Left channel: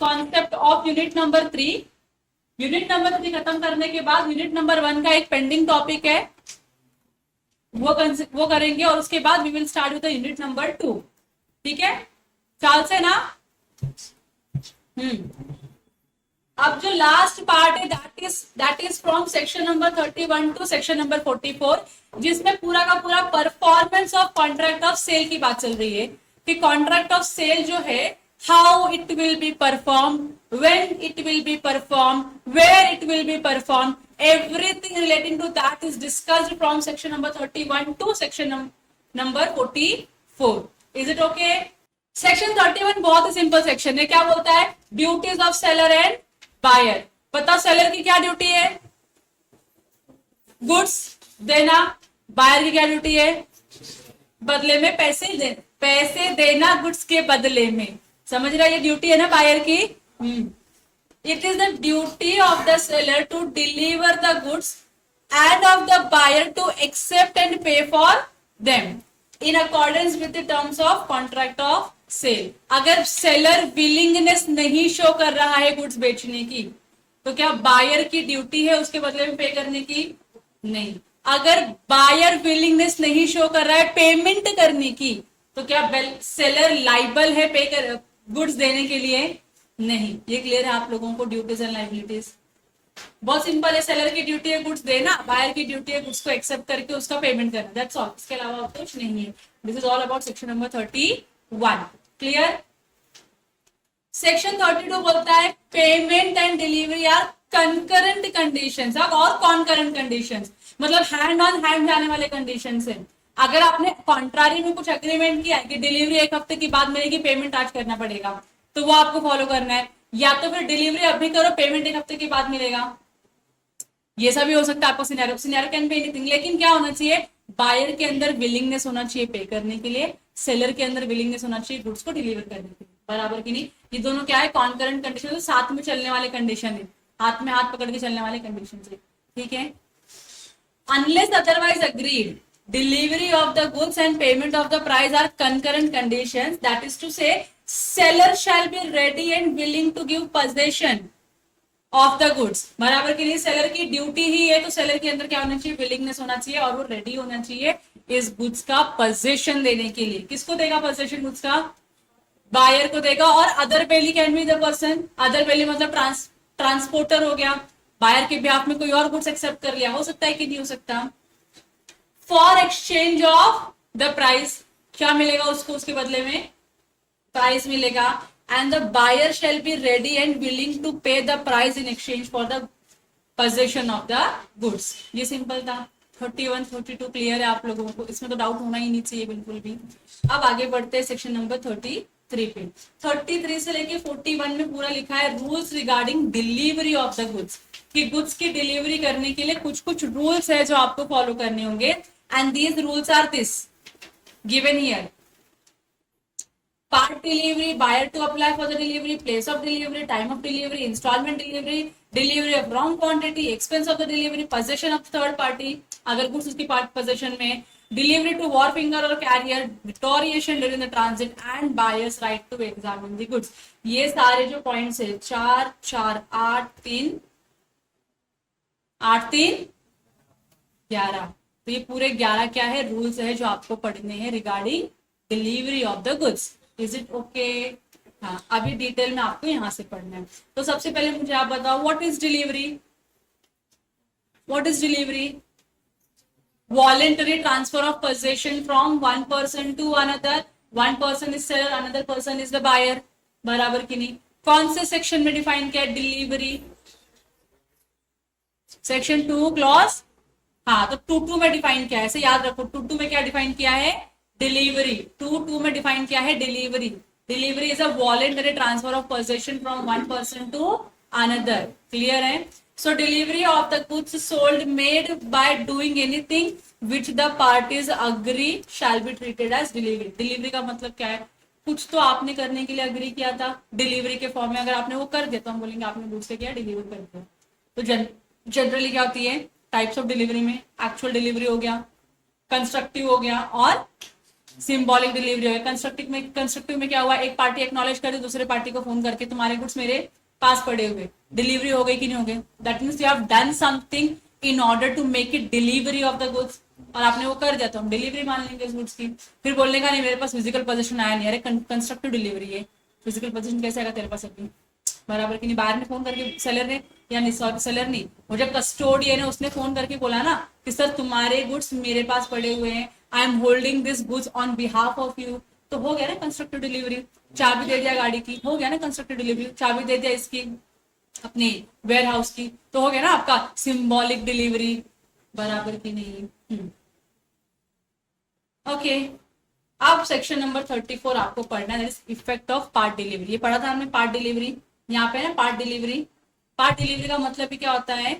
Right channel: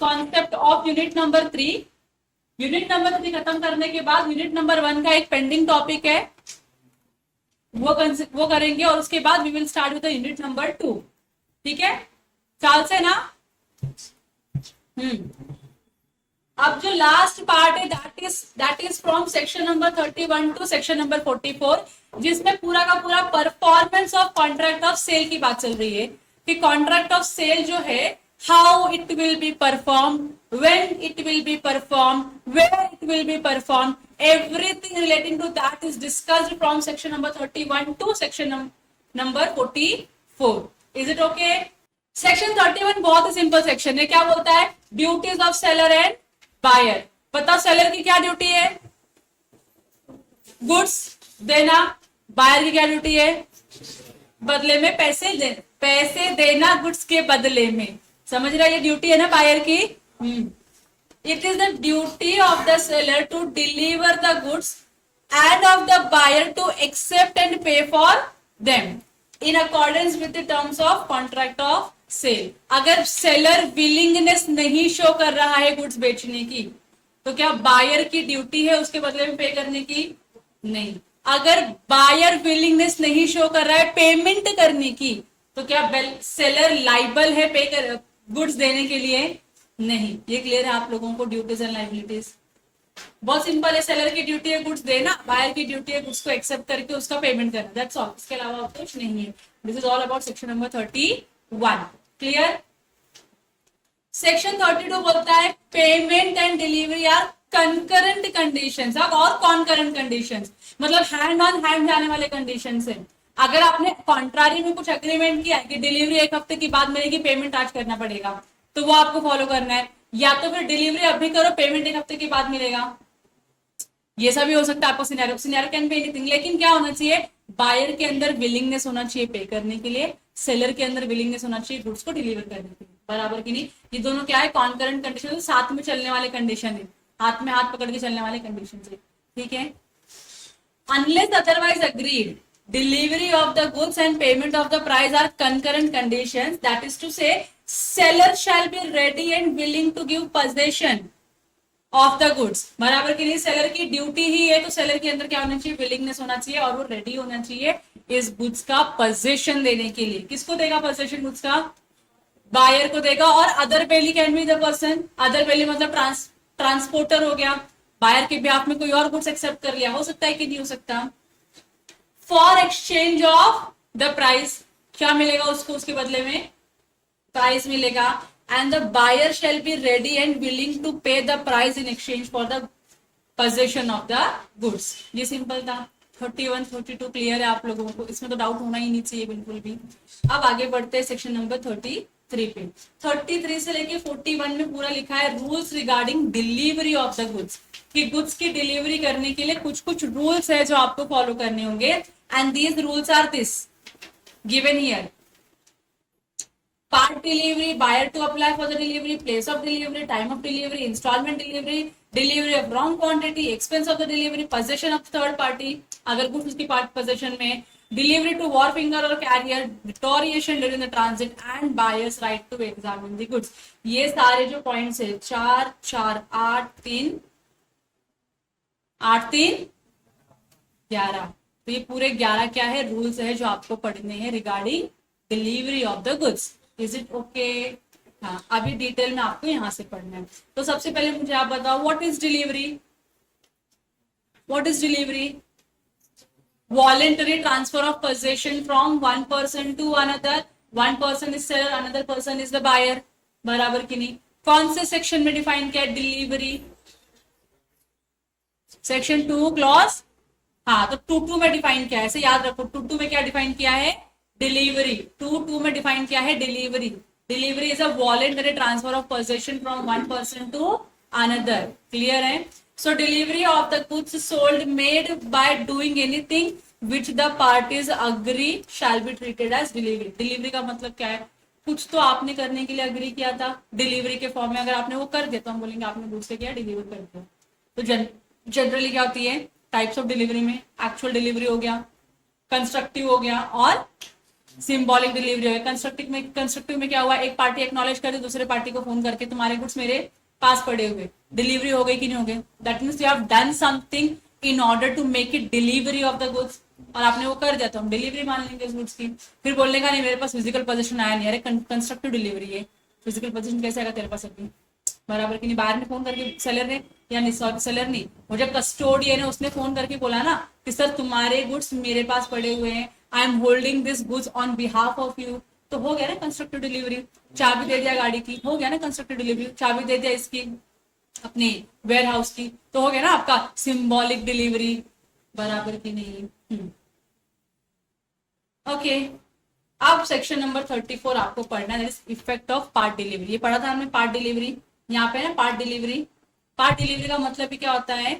Concept of unit number 3। Unit number 3 खत्म करने के बाद यूनिट नंबर 1 का एक पेंडिंग टॉपिक है, वो करेंगे और उसके बाद we will start with unit number 2। ठीक है, ख्याल से ना। अब जो लास्ट पार्ट है that is from section number 31 to section number 44, जिसमें पूरा का पूरा performance of contract of sale की बात चल रही है कि कॉन्ट्रैक्ट ऑफ सेल जो है, how it will be perform, when it will be perform, where it will be perform, everything relating to that is discussed from section number 31 to section number 44. Is it okay? Section 31 बहुत ही simple section है। क्या बोलता है? Duties of seller and buyer. बताओ seller की क्या duty है? Goods देना। बायर की क्या ड्यूटी है? बदले में पैसे देना गुड्स के बदले में। समझ रहा है? ये ड्यूटी है ना बायर की। It is the duty of the seller to deliver the goods and of the buyer to accept and pay for them in accordance with the terms of contract of sale. अगर seller willingness नहीं show कर रहा है goods बेचने की, तो क्या buyer की ड्यूटी है उसके बदले में पे करने की? नहीं। अगर बायर विलिंगनेस नहीं शो कर रहा है पेमेंट करने की, तो क्या सेलर लाइबल है पे कर गुड्स देने के लिए? नहीं। ये क्लियर है आप लोगों को? ड्यूटीज एंड लाइबिलिटीज बहुत सिंपल है। सेलर की ड्यूटी है गुड्स देना, बायर की ड्यूटी है गुड्स को एक्सेप्ट करके उसका पेमेंट करना। That's all. इसके अलावा कुछ नहीं है। This is all about section number 31। Clear? Section 32 बोलता है payment and delivery are concurrent conditions. अब और कॉन्करेंट कंडीशंस मतलब हैंड ऑन हैंड जाने वाले कंडीशंस है। अगर आपने कॉन्ट्रारी में कुछ एग्रीमेंट किया कि डिलीवरी 1 हफ्ते के बाद मिलेगी, पेमेंट आज करना पड़ेगा, तो वो आपको फॉलो करना है। या तो फिर डिलीवरी अभी करो, पेमेंट 1 हफ्ते के बाद मिलेगा। ये सब भी हो सकता है आपको सिनेरियो कैन बी एनीथिंग। लेकिन क्या होना चाहिए? बायर के अंदर विलिंगनेस होना चाहिए पे करने के लिए, सेलर के अंदर विलिंगनेस होना चाहिए गुड्स को डिलीवर करने के लिए। बराबर की नहीं? ये दोनों क्या है? कॉन्करेंट कंडीशन, साथ में चलने वाले कंडीशन है, हाथ में हाथ पकड़ के चलने वाले कंडीशन है। ठीक है? Unless otherwise agreed, delivery of the goods and payment of the price are concurrent conditions. That is to say, seller shall be ready and willing to give possession of the goods. बराबर के लिए seller की duty ही है, तो seller के अंदर क्या होना चाहिए? विलिंगनेस होना चाहिए और वो रेडी होना चाहिए इस गुड्स का पोजेशन देने के लिए। किसको देगा पोजेशन गुड्स का? बायर को देगा। और अदर पेली can be the person. Other पेली मतलब ट्रांसपोर्टर हो गया। बायर के बिहाफ में कोई और गुड्स एक्सेप्ट कर लिया, हो सकता है कि नहीं हो सकता। For exchange of the price, क्या मिलेगा उसको? उसके बदले में प्राइस मिलेगा। And the buyer shall be ready and willing to pay the price in exchange for the possession of the goods. ये सिंपल था। 31, 42 क्लियर है आप लोगों को? इसमें तो डाउट होना ही नहीं चाहिए बिल्कुल भी। अब आगे बढ़ते हैं सेक्शन नंबर 33 पे। 33 से लेके 41 में पूरा लिखा है rules regarding delivery of the goods, कि गुड्स की डिलीवरी करने के लिए कुछ कुछ रूल्स है जो आपको फॉलो करने होंगे। And these rules are this given here: part delivery, buyer to apply for the delivery, place of delivery, time of delivery, installment delivery, delivery of wrong quantity, expense of the delivery, possession of third party अगर कुछ उसकी possession में, delivery to wharfinger or carrier, deterioration during the transit and buyer's right to examine the goods। ये सारे जो points है 4, 4, 8, 3, 8, 3, 11, तो ये पूरे 11 क्या है? रूल्स है जो आपको पढ़ने हैं regarding delivery of the goods. Is it okay? हाँ, अभी डिटेल में आपको यहाँ से पढ़ना है। तो सबसे पहले मुझे आप बताओ what is delivery? What is delivery? Voluntary transfer of possession from one person to another. One person is seller, another person is the buyer. बराबर की नहीं? कौन से सेक्शन में डिफाइन किया है डिलीवरी? सेक्शन 2 क्लॉज, हाँ, तो 2 में डिफाइन किया है, ऐसे याद रखो। 2 में क्या डिफाइन किया है? डिलीवरी। 2 में डिफाइन किया है delivery. Delivery is a voluntary transfer of possession from one person to another. Clear है? So delivery of the goods sold made by doing anything which the parties agree shall be treated as delivery. Delivery का मतलब क्या है? कुछ तो आपने करने के लिए अग्री किया था डिलीवरी के फॉर्म में, अगर आपने वो कर दिया तो हम बोलेंगे आपने दूसरे किया, डिलीवर कर दिया। तो जनरली क्या होती है टाइप्स ऑफ डिलीवरी में? एक्चुअल डिलीवरी हो गया, कंस्ट्रक्टिव हो गया और सिंबॉलिक डिलीवरी हो गया। कंस्ट्रक्टिव में क्या हुआ, एक पार्टी एक्नॉलेज कर दी दूसरे पार्टी को फोन करके तुम्हारे गुड्स मेरे पास पड़े हुए, डिलीवरी हो गई कि नहीं हो गई, that means you have done something in order to make it delivery of the goods, और आपने वो कर दिया तो हम डिलीवरी मान लेंगे उस गुड्स की। फिर बोलने का नहीं मेरे पास फिजिकल पोजीशन आया नहीं, अरे कंस्ट्रक्टिव डिलीवरी है, फिजिकल पोजीशन कैसे आएगा तेरे पास अभी, बराबर कि नहीं। बाहर में फोन करके सेलर ने, या नहीं सॉरी सेलर नहीं, वो जब कस्टोडियन है उसने फोन करके बोला ना कि सर तुम्हारे गुड्स मेरे पास पड़े हुए हैं, I am holding this goods on behalf of you, तो हो गया ना कंस्ट्रक्टिव डिलीवरी। चाबी दे दिया गाड़ी की, हो गया ना कंस्ट्रक्टिव डिलीवरी। चाबी दे दिया इसकी अपनी वेयर हाउस की, तो हो गया ना आपका सिंबॉलिक डिलीवरी, बराबर की नहीं। ओके, अब सेक्शन नंबर 34 आपको पढ़ना है, इफेक्ट ऑफ पार्ट डिलीवरी। ये पढ़ा था हमने पार्ट डिलीवरी, यहाँ पे ना पार्ट डिलीवरी। पार्ट डिलीवरी का मतलब भी क्या होता है,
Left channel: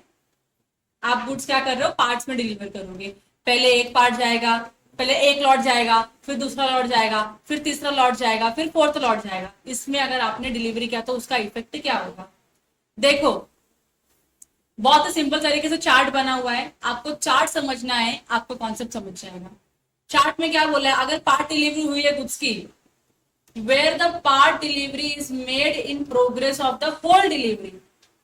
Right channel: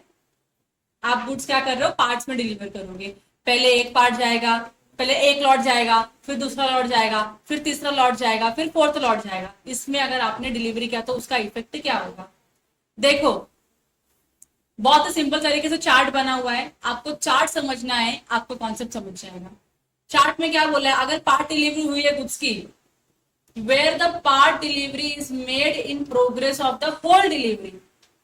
आप गुड्स क्या कर रहे हो, पार्ट्स में डिलीवर करोगे। पहले एक पार्ट जाएगा, पहले एक लॉट जाएगा, फिर दूसरा लॉट जाएगा, फिर तीसरा लॉट जाएगा, फिर फोर्थ लॉट जाएगा। इसमें अगर आपने डिलीवरी किया तो उसका इफेक्ट क्या होगा, देखो बहुत सिंपल तरीके से चार्ट बना हुआ है, आपको चार्ट समझना है, आपको कॉन्सेप्ट समझ जाएगा। चार्ट में क्या बोला है, अगर पार्ट डिलीवरी हुई है गुड्स की, where the part delivery is made in progress of the whole delivery,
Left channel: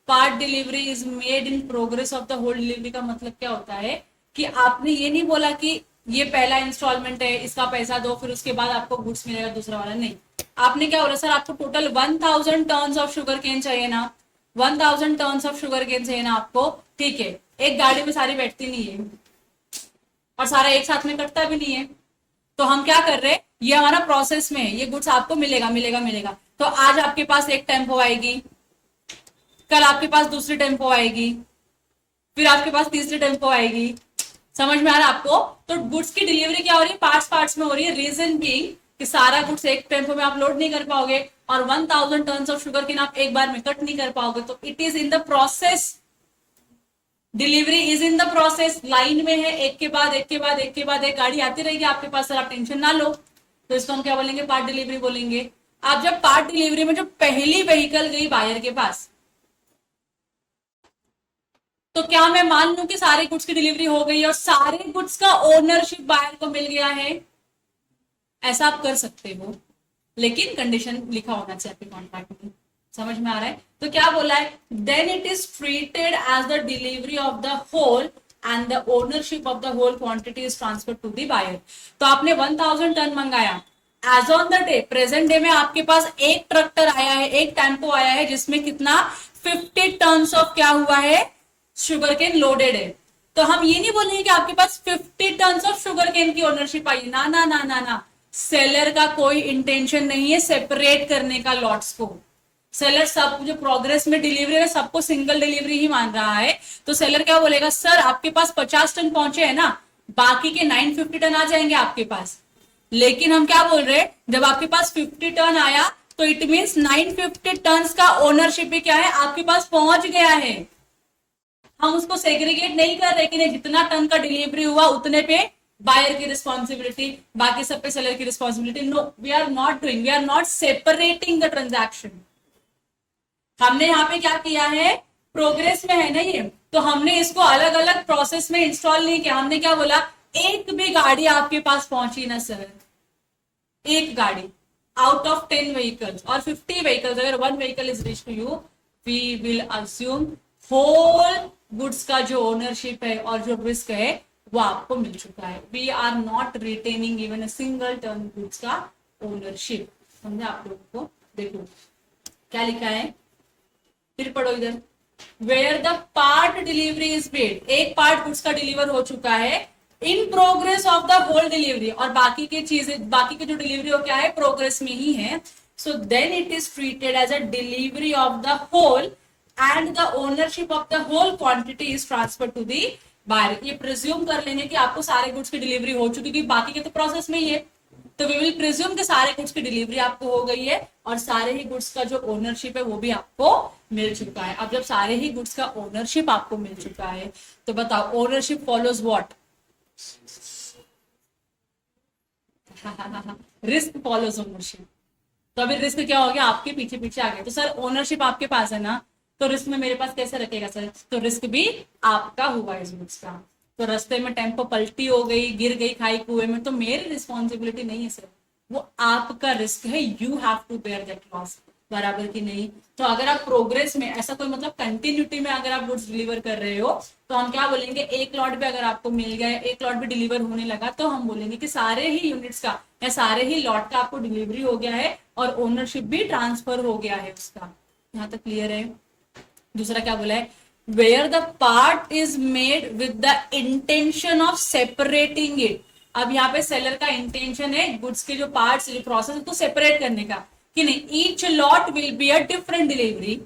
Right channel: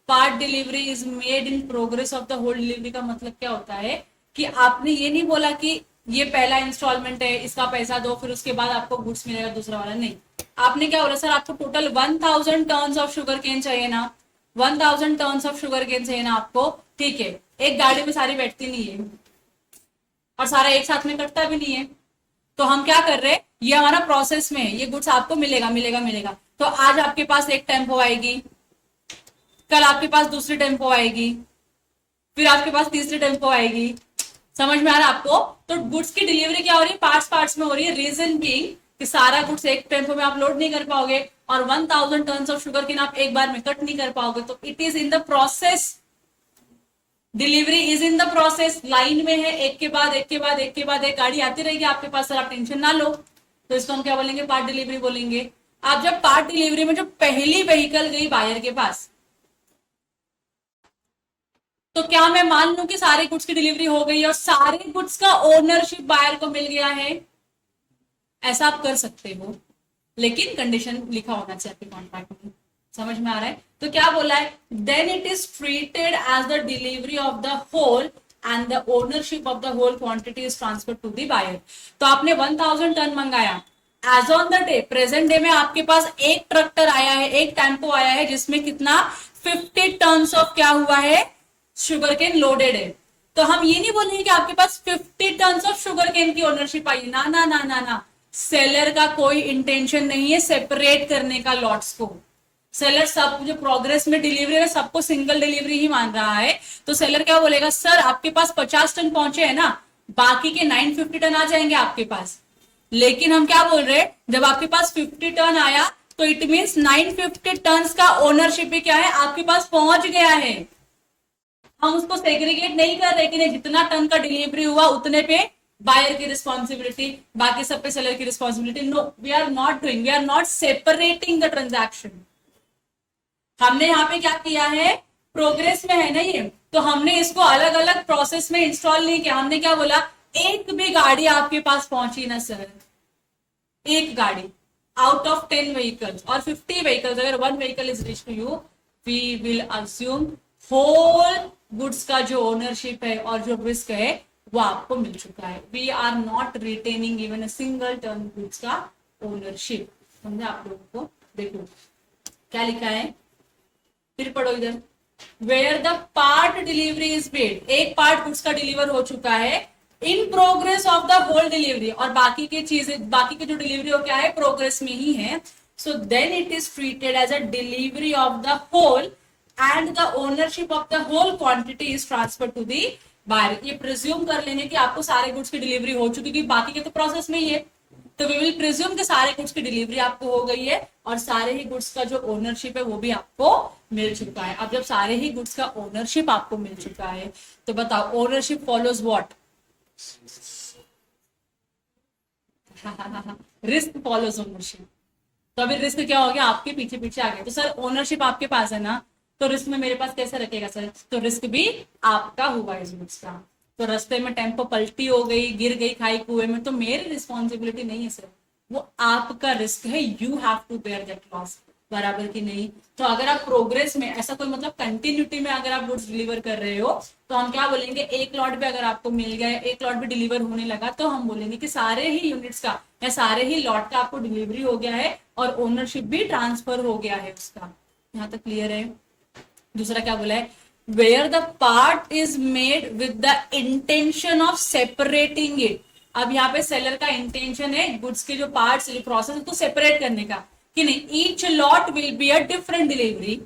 part delivery is made in progress of the whole delivery का मतलब क्या होता है कि आपने ये नहीं बोला कि ये पहला इंस्टॉलमेंट है इसका पैसा दो फिर उसके बाद आपको गुड्स मिलेगा दूसरा वाला, नहीं। आपने क्या बोला, सर आपको total 1000 tons of sugar cane चाहिए ना, 1000 टर्न्स ऑफ शुगर केन चाहिए ना आपको, ठीक है। एक गाड़ी में सारी बैठती नहीं है और सारा एक साथ में कटता भी नहीं है, तो हम क्या कर रहे हैं, ये हमारा प्रोसेस में है, ये गुड्स आपको मिलेगा मिलेगा मिलेगा। तो आज आपके पास एक टेम्पो आएगी, कल आपके पास दूसरी टेम्पो आएगी, फिर आपके पास तीसरी टेम्पो आएगी, समझ में आ रहा है आपको। तो गुड्स की डिलीवरी क्या हो रही है, पार्ट्स पार्ट्स में हो रही है। रीजन बीइंग कि सारा गुड्स एक टेम्पो में आप लोड नहीं कर पाओगे और 1000 टर्न्स ऑफ शुगर केन आप एक बार में कट नहीं कर पाओगे, तो it is in the process, delivery is in the process, line में है, एक के बाद एक के बाद एक के बाद एक गाड़ी आती रहेगी आपके पास, सर आप टेंशन ना लो, तो इसको हम क्या बोलेंगे, पार्ट डिलीवरी बोलेंगे। आप जब पार्ट डिलीवरी में जो पहली व्हीकल गई बायर के पास, तो क्या मैं मान लूं कि सारे गुड्स की डिलीवरी हो गई और सारे गुड्स का ओनरशिप बायर को मिल गया है, ऐसा आप कर सकते हो, लेकिन कंडीशन लिखा होना चाहिए आपके कॉन्ट्रैक्ट में, समझ में आ रहा है। तो क्या बोला है, then it is treated as the delivery of the whole and the ownership of the whole quantity is transfer to the buyer. तो आपने 1000 टन मंगाया, as on the day present day में आपके पास एक ट्रैक्टर आया है, एक टेम्पो आया है जिसमें कितना 50 टन ऑफ क्या हुआ है, शुगर केन लोडेड है। तो हम ये नहीं बोलेंगे कि आपके पास 50 टन ऑफ शुगर केन की ओनरशिप आई, ना ना ना ना ना, सेलर का कोई इंटेंशन नहीं है सेपरेट करने का लॉट्स को। सेलर सब जो प्रोग्रेस में डिलीवरी है सबको सिंगल डिलीवरी ही मान रहा है, तो सेलर क्या बोलेगा, सर आपके पास 50 टन पहुंचे है ना, बाकी के 950 टन आ जाएंगे आपके पास। लेकिन हम क्या बोल रहे हैं, जब आपके पास 50 टन आया तो इट मीन्स 950 टन का ओनरशिप भी क्या है, आपके पास पहुंच गया है। हम उसको सेग्रीगेट नहीं कर रहे कि जितना टन का डिलीवरी हुआ उतने पे बायर की रिस्पॉन्सिबिलिटी, बाकी सब पे सेलर की responsibility. No, we are not doing, we are not separating the transaction. हमने यहाँ पे क्या किया है, प्रोग्रेस में है ना ये, तो हमने इसको अलग अलग प्रोसेस में इंस्टॉल नहीं किया। हमने क्या बोला, एक भी गाड़ी आपके पास पहुंची ना सर, एक गाड़ी आउट ऑफ 10 व्हीकल्स और 50 व्हीकल्स, अगर 1 vehicle is reach to you, we will assume whole goods का जो ओनरशिप है और जो रिस्क है वो आपको मिल चुका है। We are not retaining even a single term goods का ओनरशिप। समझा आप लोगों को। देखो क्या लिखा है, फिर पढ़ो इधर, where the part delivery is paid, एक पार्ट गुड्स का डिलीवर हो चुका है, in progress of the whole delivery, और बाकी के चीजें, बाकी के जो डिलीवरी हो क्या है, प्रोग्रेस में ही है। So then it is treated as a delivery of the whole and the ownership of the whole quantity is transferred to the buyer। ये प्रिज्यूम कर लेंगे कि आपको सारे गुड्स की डिलीवरी हो चुकी है, बाकी के तो प्रोसेस में ही है, तो वी विल प्रिज्यूम कि सारे गुड्स की डिलीवरी आपको हो गई है और सारे ही गुड्स का जो ओनरशिप है वो भी आपको मिल चुका है। अब जब सारे ही गुड्स का ओनरशिप आपको मिल चुका है तो बताओ, ownership follows what, risk follows ownership. तो अभी रिस्क क्या हो गया, आपके पीछे पीछे आ गया। तो सर ओनरशिप आपके पास है ना, तो रिस्क में मेरे पास कैसे रखेगा सर, तो रिस्क भी आपका हुआ इस गुड्स का। तो रास्ते में टेम्पो पलटी हो गई, गिर गई खाई कुएं में, तो मेरी रिस्पॉन्सिबिलिटी नहीं है सर, वो आपका रिस्क है, you have to bear that loss, बराबर की नहीं। तो अगर आप प्रोग्रेस में ऐसा कोई मतलब कंटिन्यूटी में अगर आप गुड्स डिलीवर कर रहे हो तो हम क्या बोलेंगे, एक लॉट भी अगर आपको मिल गया, एक लॉट भी डिलीवर होने लगा, तो हम बोलेंगे कि सारे ही यूनिट्स का या सारे ही लॉट का आपको डिलीवरी हो गया है और ओनरशिप भी ट्रांसफर हो गया है उसका। यहाँ तक क्लियर है। दूसरा क्या बोला है, where the part is made with the intention of separating it. अब यहाँ पे सेलर का इंटेंशन है गुड्स के जो पार्ट्स प्रोसेस उसको सेपरेट करने का कि नहीं, each lot will be a different delivery.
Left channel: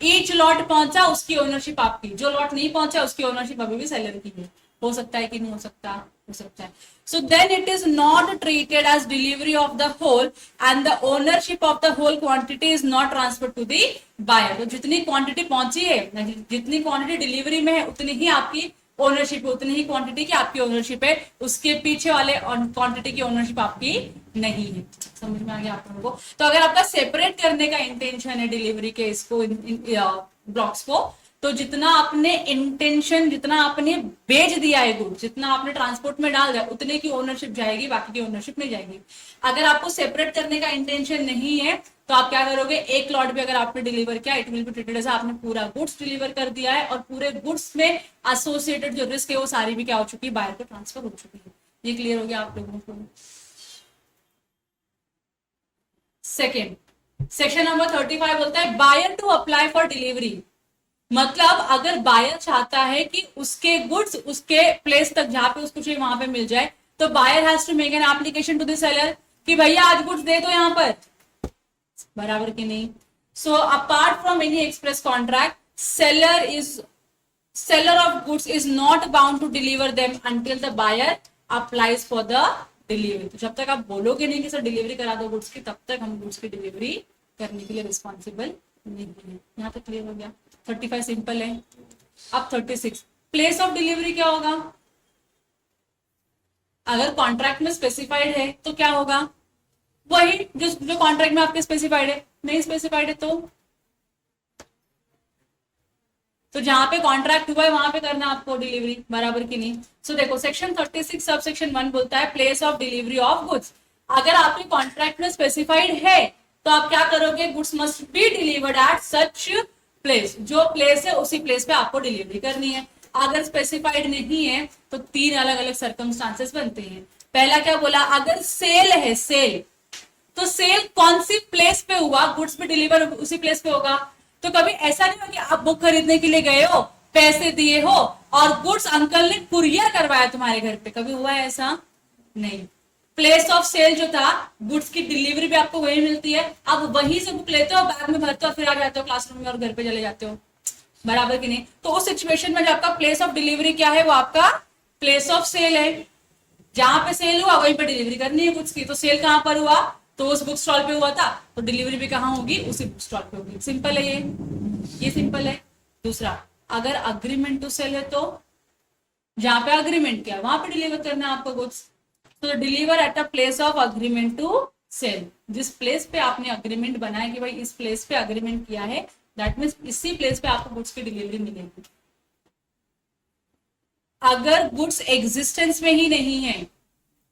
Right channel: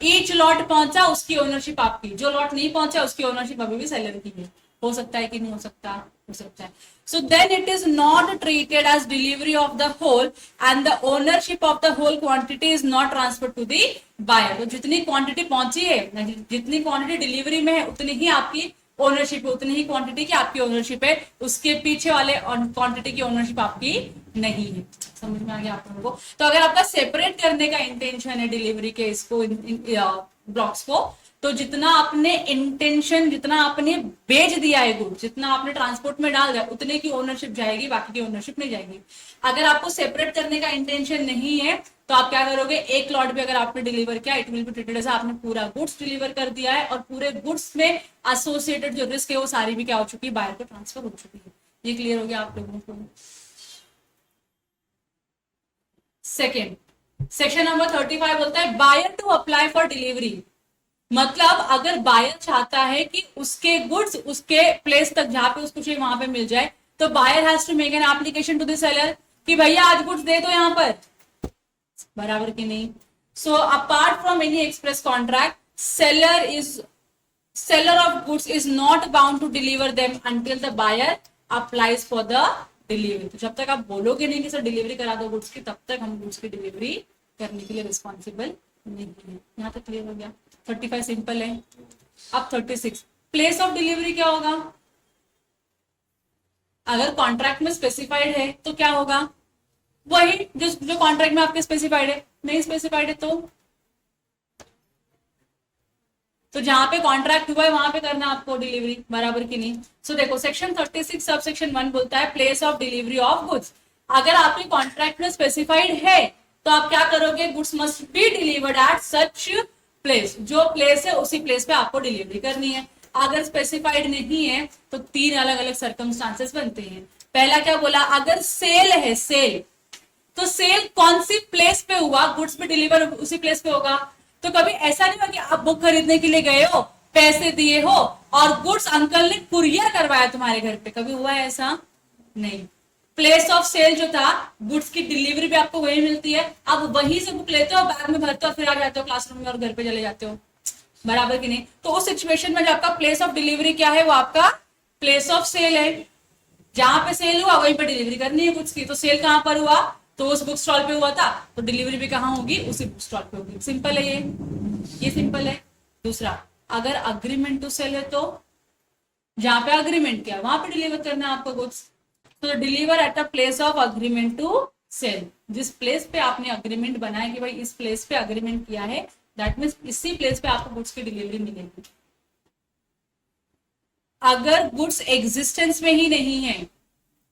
Each lot पहुंचा उसकी ओनरशिप आपकी, जो लॉट नहीं पहुंचा उसकी ओनरशिप अभी भी सेलर की है। हो सकता है कि नहीं हो सकता, हो सकता है। So then it is not treated as delivery of the whole and the ownership of the whole quantity is not transfer to the buyer. तो जितनी क्वांटिटी पहुंची है, जितनी क्वांटिटी डिलीवरी में है उतनी ही आपकी ओनरशिप है, उतनी ही क्वांटिटी की आपकी ओनरशिप है, उसके पीछे वाले क्वांटिटी की ओनरशिप आपकी नहीं है। समझ में आ गया आप लोगों को। तो अगर आपका सेपरेट करने का इंटेंशन है डिलीवरी के इसको ब्लॉक्स को, तो जितना आपने इंटेंशन, जितना आपने बेच दिया है गुड, जितना आपने ट्रांसपोर्ट में डाल दिया उतने की ओनरशिप जाएगी, बाकी की ओनरशिप नहीं जाएगी। अगर आपको सेपरेट करने का इंटेंशन नहीं है तो आप क्या करोगे, एक लॉट भी अगर आपने डिलीवर किया, it will be treated as आपने पूरा गुड्स डिलीवर कर दिया है और पूरे गुड्स में एसोसिएटेड जो रिस्क है वो सारी भी क्या हो चुकी है, बायर को ट्रांसफर हो चुकी है। ये क्लियर हो गया आप लोगों को। सेकेंड, सेक्शन नंबर 35 बोलता है buyer to apply for delivery. मतलब अगर बायर चाहता है कि उसके गुड्स उसके प्लेस तक जहां पे उसको चाहिए वहां पे मिल जाए, तो buyer has to make an application to the seller कि भैया आज गुड्स दे दो यहाँ पर, बराबर की नहीं। So apart from any express contract, seller of goods is not bound to deliver them until the buyer applies for the delivery। तो जब तक आप बोलोगे नहीं कि सर डिलीवरी करा दो गुड्स की, तब तक हम गुड्स की डिलीवरी करने के लिए रिस्पॉन्सिबल नहीं है। यहाँ तक क्लियर हो गया। 35 सिंपल है। अब 36, प्लेस ऑफ डिलीवरी क्या होगा। अगर कॉन्ट्रैक्ट में स्पेसिफाइड है तो क्या होगा, वही जो कॉन्ट्रैक्ट में आपके स्पेसिफाइड है। नहीं स्पेसिफाइड है तो जहां पे कॉन्ट्रैक्ट हुआ है वहां पे करना आपको डिलीवरी, बराबर की नहीं। सो देखो सेक्शन 36 सब सेक्शन 1 बोलता है place of delivery of goods. अगर आपके कॉन्ट्रैक्ट में स्पेसिफाइड है तो आप क्या करोगे, goods must be delivered at such place. जो प्लेस है उसी प्लेस पे आपको डिलीवरी करनी है। अगर स्पेसिफाइड नहीं है तो 3 अलग अलग सर्कमस्टांसेस बनते हैं। पहला क्या बोला, अगर सेल है, सेल तो सेल कौन सी प्लेस पे हुआ, गुड्स पे डिलीवर उसी प्लेस पे होगा। तो कभी ऐसा नहीं हो कि आप बुक खरीदने के लिए गए हो, पैसे दिए हो और गुड्स अंकल ने कुरियर करवाया तुम्हारे घर पे, कभी हुआ है ऐसा? नहीं। प्लेस ऑफ सेल जो था, गुड्स की डिलीवरी भी आपको वही मिलती है। अब वहीं से बुक लेते हो, बैग में भरते हो, फिर आ जाते हो क्लासरूम में और घर पे चले जाते हो, बराबर की नहीं। तो उस सिचुएशन में जो आपका प्लेस ऑफ डिलीवरी क्या है, वो आपका प्लेस ऑफ सेल है। जहां पे सेल हुआ वहीं पे डिलीवरी करनी है गुड्स की। तो सेल कहां पर हुआ, तो उस बुक स्टॉल पे हुआ था, तो डिलीवरी भी कहां होगी, उसी बुक स्टॉल पे होगी। सिंपल है ये सिंपल है। दूसरा, अगर अग्रीमेंट टू सेल है तो जहां पे अग्रीमेंट किया वहां पे डिलीवर करना है आपको गुड्स। तो deliver at a place of agreement to sell. जिस प्लेस पे आपने अग्रीमेंट बनाया कि भाई इस प्लेस पे अग्रीमेंट किया है, दैट मीन्स इसी प्लेस पे आपको गुड्स की डिलीवरी मिलेगी। अगर गुड्स एग्जिस्टेंस में ही नहीं है,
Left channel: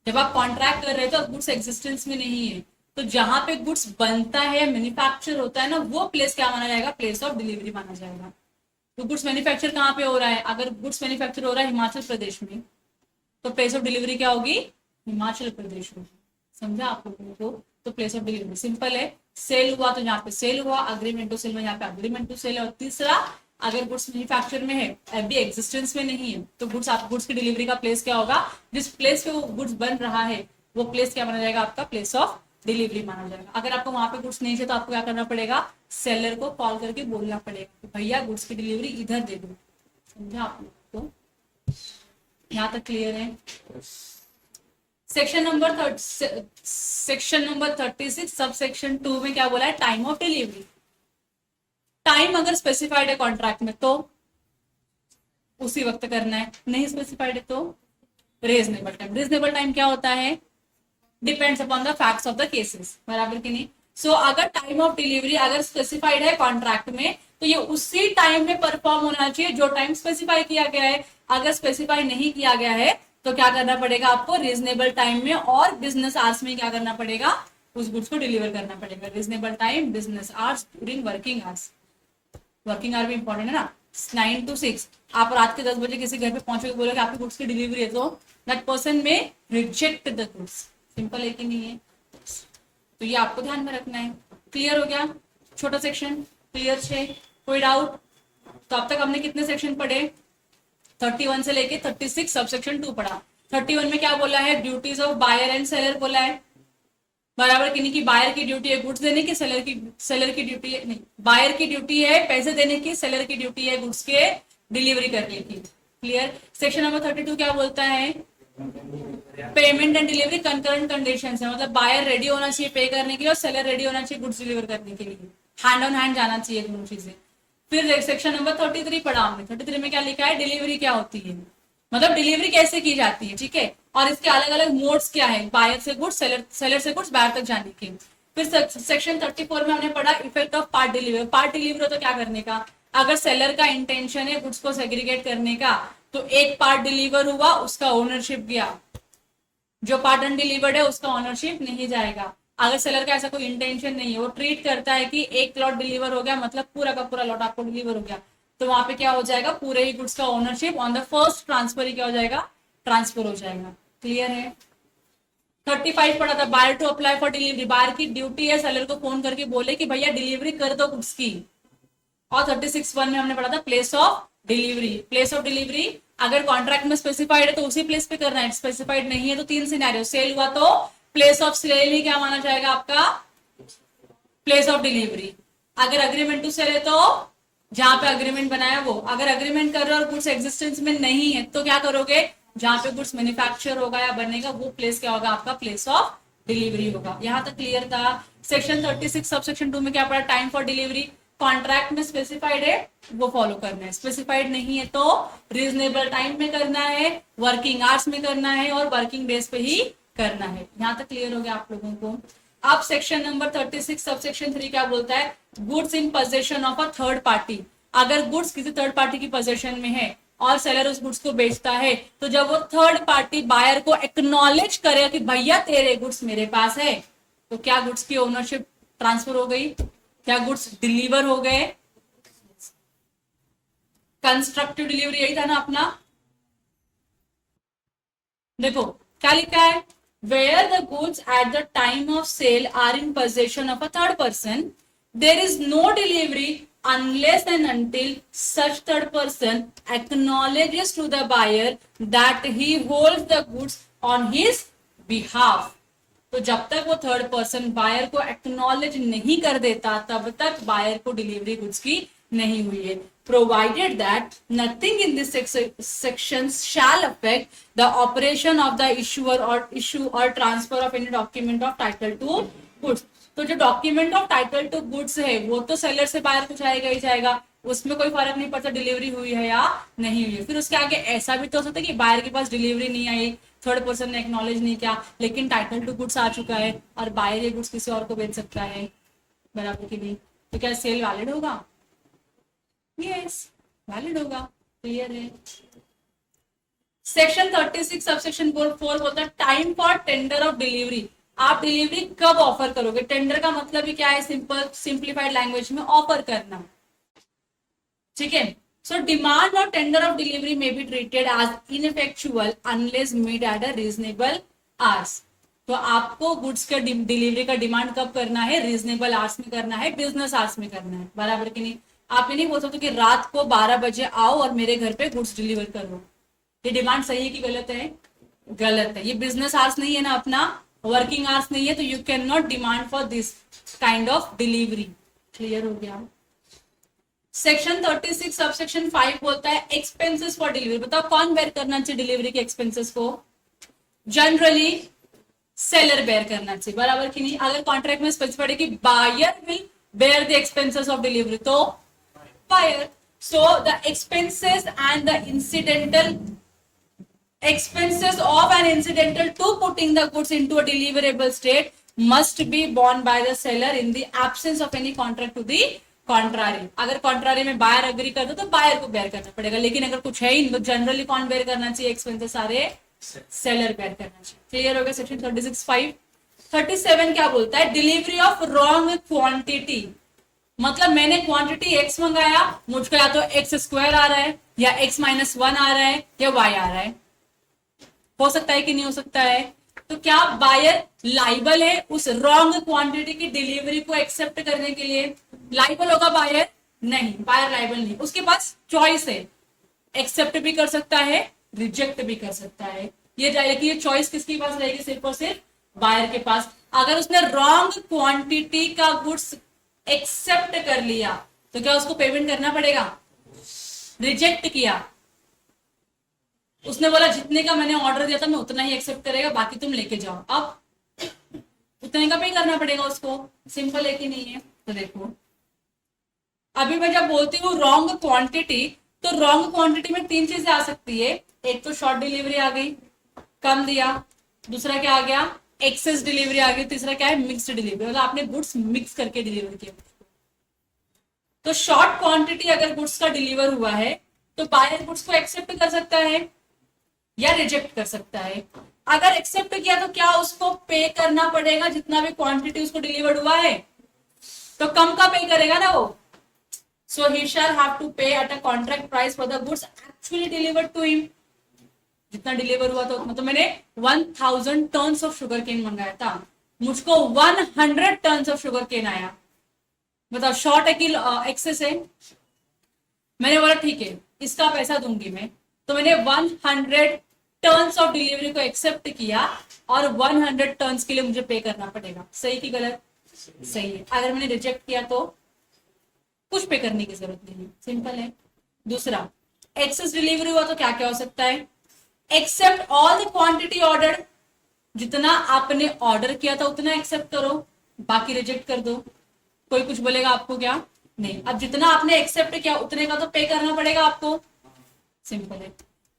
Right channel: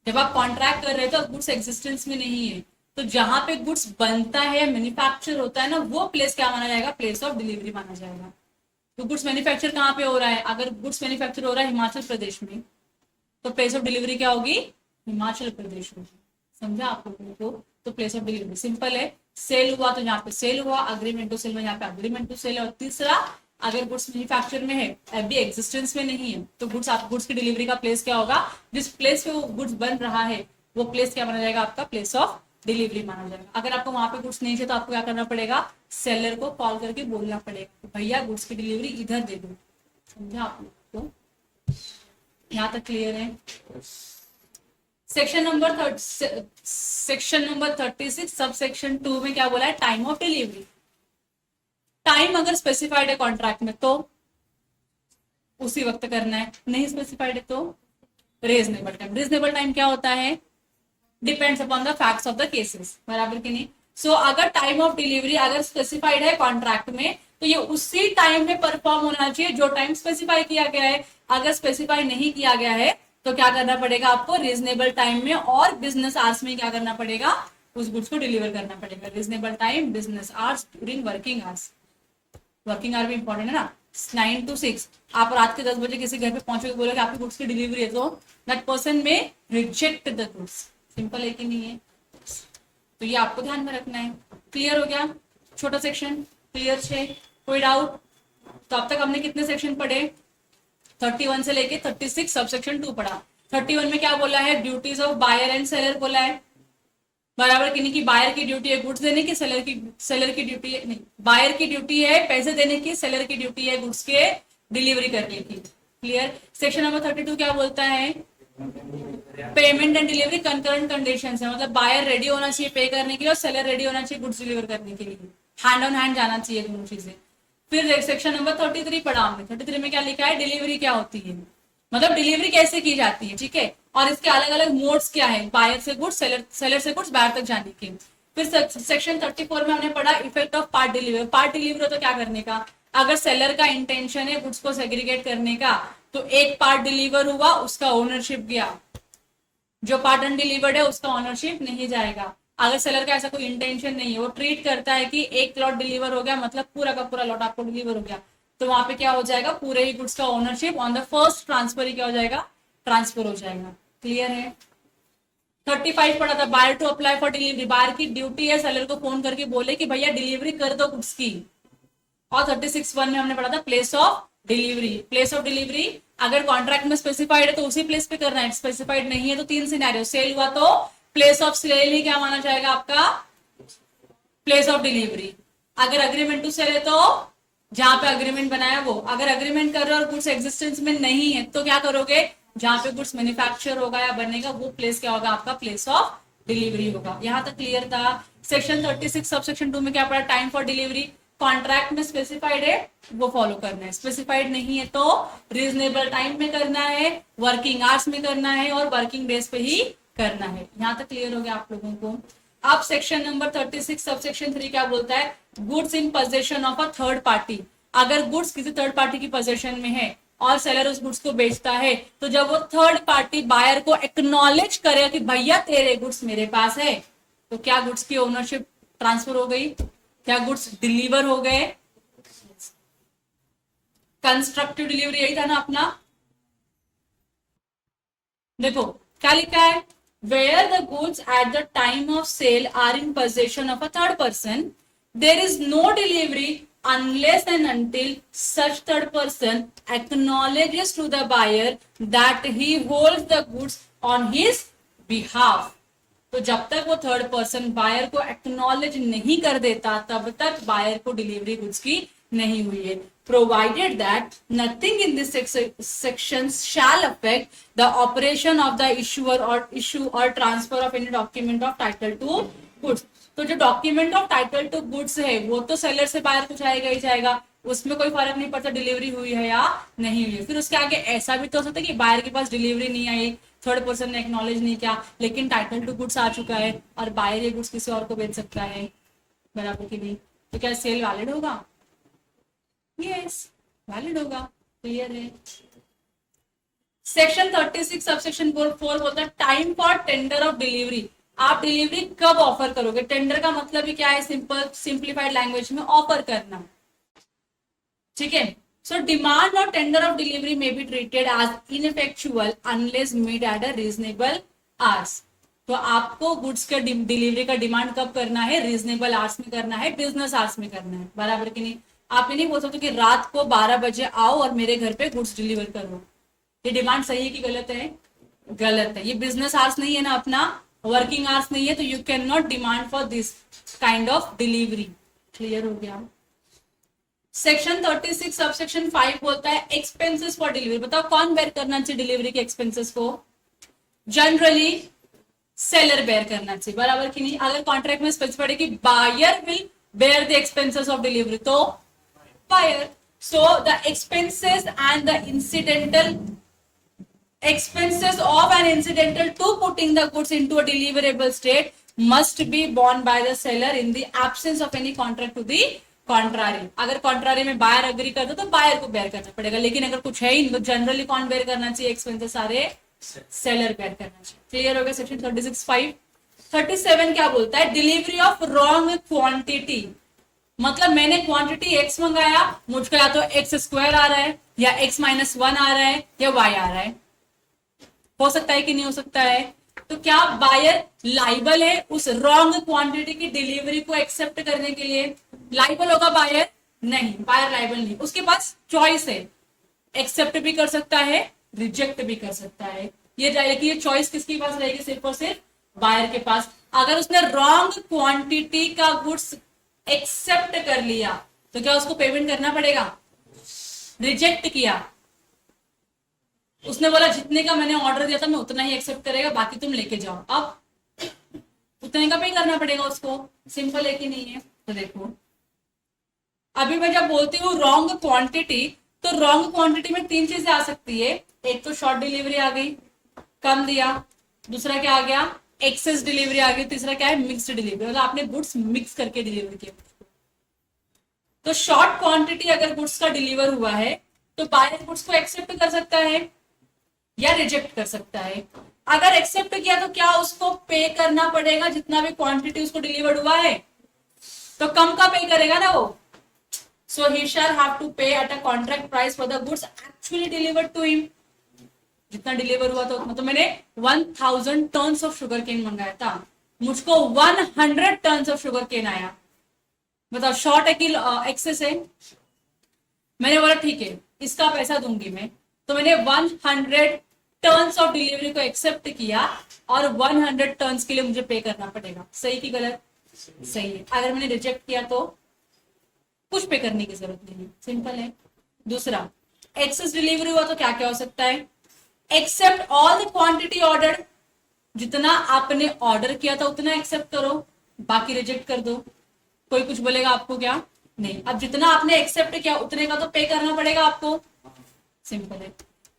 जब आप कॉन्ट्रैक्ट कर रहे हो तो गुड्स एग्जिस्टेंस में नहीं है, तो जहां पे गुड्स बनता है, मैन्युफैक्चर होता है ना, वो प्लेस क्या माना जाएगा, प्लेस ऑफ डिलीवरी माना जाएगा। तो गुड्स मैन्युफैक्चर कहाँ पे हो रहा है, अगर गुड्स मैन्युफैक्चर हो रहा है हिमाचल प्रदेश में, तो प्लेस ऑफ डिलीवरी क्या होगी, हिमाचल प्रदेश में। समझा आप लोगों को। तो प्लेस ऑफ डिलीवरी सिंपल है, सेल हुआ तो यहाँ पे सेल हुआ, अग्रीमेंट टू सेल में यहाँ पे अग्रीमेंट टू सेल है। और तीसरा, अगर गुड्स मैन्युफैक्चर में है, अभी एग्जिस्टेंस में नहीं है, तो गुड्स की डिलीवरी का प्लेस क्या होगा, जिस प्लेस पे वो गुड्स बन रहा है वो प्लेस क्या माना जाएगा, आपका प्लेस ऑफ डिलीवरी माना जाएगा। अगर आपको वहां पे गुड्स नहीं है तो आपको क्या करना पड़ेगा, सेलर को कॉल करके बोलना पड़ेगा भैया गुड्स की डिलीवरी इधर दे दो। समझा आप लोग को, यहाँ तक क्लियर है। सेक्शन नंबर 36 सब सेक्शन 2 में क्या बोला है, टाइम ऑफ डिलीवरी। टाइम अगर स्पेसिफाइड है कॉन्ट्रैक्ट में तो उसी वक्त करना है, नहीं स्पेसिफाइड है तो रीजनेबल टाइम। रीजनेबल टाइम क्या होता है, depends upon the facts of the cases, बराबर की नहीं। सो अगर टाइम ऑफ डिलीवरी अगर स्पेसिफाइड है कॉन्ट्रैक्ट में तो ये उसी टाइम में परफॉर्म होना चाहिए जो टाइम स्पेसिफाई किया गया है। अगर स्पेसिफाई नहीं किया गया है तो क्या करना पड़ेगा आपको, रीजनेबल टाइम में और बिजनेस आवर्स में क्या करना पड़ेगा, उस गुड्स को डिलीवर करना पड़ेगा। Reasonable time, business hours, during working hours. Working hour भी इंपॉर्टेंट है ना, 9 to 6। आप रात के 10 बजे किसी घर पे पहुंचोगे, बोलोगे आपकी गुड्स की डिलीवरी है, तो दैट पर्सन में रिजेक्ट द गुड्स। सिंपल है कि नहीं है? तो ये आपको ध्यान में रखना है। क्लियर हो गया? छोटा सेक्शन क्लियर है? कोई डाउट? तो अब तक हमने कितने सेक्शन पढ़े? 31 से लेके 36 सबसेक्शन 2 पढ़ा। 31 में क्या बोला है, duties of buyer and seller बोला है, बराबर कि नहीं, कि बायर की ड्यूटी है गुड्स देने की, सेलर की ड्यूटी है, नहीं, बायर की ड्यूटी है पैसे देने की, सेलर की ड्यूटी है गुड्स के डिलीवरी करने की। क्लियर? सेक्शन नंबर 32 क्या बोलता है, payment and delivery concurrent conditions है, मतलब बायर रेडी होना चाहिए पे करने के लिए और सेलर रेडी होना चाहिए गुड्स डिलीवर करने के लिए, हैंड ऑन हैंड जाना चाहिए दोनों चीजें। फिर सेक्शन नंबर 33 पढ़ा हमने। 33 में क्या लिखा है, डिलीवरी क्या होती है, मतलब डिलीवरी कैसे की जाती है, ठीक है, और इसके अलग अलग मोड्स क्या है, बायर से गुड्स, सेलर से गुड्स बायर तक जाने के। फिर सेक्शन 34 में हमने पढ़ा effect of part delivery. Part delivery तो क्या करने का, अगर सेलर का इंटेंशन है गुड्स को सेग्रीगेट करने का, तो एक पार्ट डिलीवर हुआ उसका ओनरशिप गया, जो पार्ट अनडिलीवर्ड है उसका ओनरशिप नहीं जाएगा। अगर सेलर का ऐसा कोई इंटेंशन नहीं है, वो ट्रीट करता है कि एक लॉट डिलीवर हो गया मतलब पूरा का पूरा लॉट आपको डिलीवर हो गया, तो वहां पे क्या हो जाएगा, पूरे ही गुड्स का ownership on the first transfer ही क्या हो जाएगा, ट्रांसफर हो जाएगा। क्लियर है? 35 पढ़ा था, buyer to apply for delivery. Buyer की ड्यूटी है सेलर को फोन करके बोले कि भैया डिलीवरी कर दो गुड्स की। और 36(1) में हमने पढ़ा था place of delivery. Place of delivery अगर कॉन्ट्रैक्ट में स्पेसिफाइड है तो उसी प्लेस पे करना है, स्पेसिफाइड नहीं है तो 3 सिनेरियो, सेल हुआ तो प्लेस ऑफ सेल ही क्या माना जाएगा आपका, प्लेस ऑफ डिलीवरी। अगर अग्रीमेंट टू सेल है तो जहां पे अग्रीमेंट बनाया वो, अगर अग्रीमेंट कर रहे हो और गुड्स एग्जिस्टेंस में नहीं है तो क्या करोगे, जहां पे गुड्स मैन्युफैक्चर होगा या बनेगा वो प्लेस क्या होगा आपका, प्लेस ऑफ डिलीवरी होगा। यहां तक क्लियर था? सेक्शन 36 सबसेक्शन 2 में क्या पड़ा, टाइम फॉर डिलीवरी। कॉन्ट्रैक्ट में स्पेसिफाइड है वो फॉलो करना है, स्पेसिफाइड नहीं है तो रीजनेबल टाइम में करना है, वर्किंग आवर्स में करना है और वर्किंग डेज पे ही करना है। यहां तक क्लियर हो गया आप लोगों को? अब सेक्शन नंबर 36 सबसेक्शन 3 क्या बोलता है, goods in possession of a third party. अगर गुड्स किसी थर्ड पार्टी की पोजेशन में है और सेलर उस गुड्स को बेचता है, तो जब वो थर्ड पार्टी बायर को एक्नॉलेज करेगा कि भैया तेरे गुड्स मेरे पास है, तो क्या गुड्स की ओनरशिप ट्रांसफर हो गई, क्या गुड्स डिलीवर हो गए। कंस्ट्रक्टिव डिलीवरी यही था ना अपना। देखो क्या लिखा है, where the goods at the time of sale are in possession of a third person, there is no delivery unless and until such third person acknowledges to the buyer that he holds the goods on his behalf। तो जब तक वो third person buyer को acknowledge नहीं कर देता तब तक बायर को डिलीवरी गुड्स की नहीं हुई है। Provided that nothing in this section shall affect the operation of the issuer or transfer of any document of title to goods। तो जो document of title to goods है वो तो सेलर से बायर को जाएगा ही जाएगा, उसमें कोई फर्क नहीं पड़ता डिलीवरी हुई है या नहीं हुई है। फिर उसके आगे ऐसा भी तो हो सकता है कि बायर के पास डिलीवरी नहीं आई, थर्ड पर्सन ने एक्नॉलेज नहीं किया, लेकिन टाइटल टू गुड्स आ चुका है और बायर ये गुड्स किसी और को बेच सकता है, बराबर की नहीं, तो क्या सेल वैलिड होगा? यस, वैलिड होगा। क्लियर है? सेक्शन 36 सबसेक्शन 4 बोलता है time for tender of delivery. आप डिलीवरी कब ऑफर करोगे? टेंडर का मतलब ही क्या है, सिंपलीफाइड लैंग्वेज में ऑफर करना, ठीक है। सो डिमांड और टेंडर ऑफ डिलीवरी में be treated as ineffectual unless made at a reasonable hours. तो आपको गुड्स का डिलीवरी का डिमांड कब करना है, रीजनेबल आवर्स में करना है, बिजनेस आवर्स में करना है, बराबर की नहीं। आप ये नहीं बोल सकते कि रात को 12 बजे आओ और मेरे घर पे गुड्स डिलीवर करो। ये डिमांड सही है कि गलत है? गलत है। ये बिजनेस आवर्स नहीं है ना अपना, वर्किंग आवर्स नहीं है, तो you can not demand for this kind of delivery. Clear हो गया? सेक्शन 36 सबसेक्शन 5 बोलता है एक्सपेंसेस फॉर डिलीवरी। बताओ कौन बेयर करना चाहिए डिलीवरी के एक्सपेंसेस को? जनरली सेलर बेयर करना चाहिए, बराबर की नहीं। अगर कॉन्ट्रैक्ट में स्पेसिफाइड है कि buyer will bear the expenses of delivery, तो buyer. So the expenses and the incidental expenses of an incidental to putting the goods into a deliverable state must be borne by the seller in the absence of any contract to the contrary, अगर contrary में buyer agree करता तो buyer को bear करना पड़ेगा, लेकिन अगर कुछ है ही तो जनरली कौन बेयर करना चाहिए एक्सपेंसेस, सारे सेलर बेयर करना चाहिए। क्लियर हो गया सेक्शन 36(5). 37 क्या बोलता है, डिलीवरी ऑफ रॉन्ग क्वांटिटी, मतलब मैंने क्वांटिटी एक्स मंगाया, मुझको या तो एक्स स्क्वायर आ रहा है या x-1 आ रहा है या y आ रहा है, हो सकता है कि नहीं हो सकता है, तो क्या बायर लाइबल है उस रॉन्ग क्वांटिटी की डिलीवरी को एक्सेप्ट करने के लिए? लाइबल होगा बायर? नहीं, बायर लाइबल नहीं, उसके पास चॉइस है, एक्सेप्ट भी कर सकता है, रिजेक्ट भी कर सकता है। ये जाएगी, ये चॉइस किसके पास रहेगी? सिर्फ और सिर्फ बायर के पास। अगर उसने रॉन्ग क्वांटिटी का गुड्स एक्सेप्ट कर लिया तो क्या उसको पेमेंट करना पड़ेगा? रिजेक्ट किया, उसने बोला जितने का मैंने ऑर्डर दिया था मैं उतना ही एक्सेप्ट करेगा, बाकी तुम लेके जाओ, अब उतने का पे करना पड़ेगा उसको। सिंपल है कि नहीं है? तो देखो अभी मैं जब बोलती हूँ रॉन्ग क्वांटिटी, तो रॉन्ग क्वांटिटी में 3 चीजें आ सकती है। एक तो शॉर्ट डिलीवरी आ गई, कम दिया, दूसरा क्या आ गया, एक्सेस डिलीवरी आ गई, तीसरा क्या है, मिक्स्ड डिलीवरी, मतलब आपने गुड्स मिक्स करके डिलीवर किया। तो शॉर्ट क्वांटिटी अगर गुड्स का डिलीवर हुआ है तो बायर गुड्स को एक्सेप्ट कर सकता है या रिजेक्ट कर सकता है। अगर एक्सेप्ट किया तो क्या उसको पे करना पड़ेगा जितना भी क्वांटिटी उसको डिलीवर्ड हुआ है, तो कम का पे करेगा ना वो। So he shall have to pay at a contract price for the goods actually delivered to him, जितना डिलीवर हुआ था उतना। तो मैंने 1000 टन्स ऑफ शुगर केन मंगाया था, मुझको 100 टन्स ऑफ शुगर केन आया, बताओ शॉर्ट है कि एक्सेस है? मैंने बोला ठीक है इसका पैसा दूंगी मैं, तो मैंने 100 टर्न्स ऑफ डिलीवरी को एक्सेप्ट किया और 100 टर्न्स के लिए मुझे पे करना पड़ेगा। सही कि गलत? सही है। अगर मैंने रिजेक्ट किया तो कुछ पे करने की जरूरत नहीं है, सिंपल है। दूसरा, एक्सेस डिलीवरी हुआ तो क्या क्या हो सकता है, accept all the quantity order, जितना आपने ऑर्डर किया था उतना एक्सेप्ट करो, बाकी रिजेक्ट कर दो। कोई कुछ बोलेगा आपको क्या? नहीं। अब जितना आपने एक्सेप्ट किया उतने का तो पे करना पड़ेगा आपको, सिंपल है।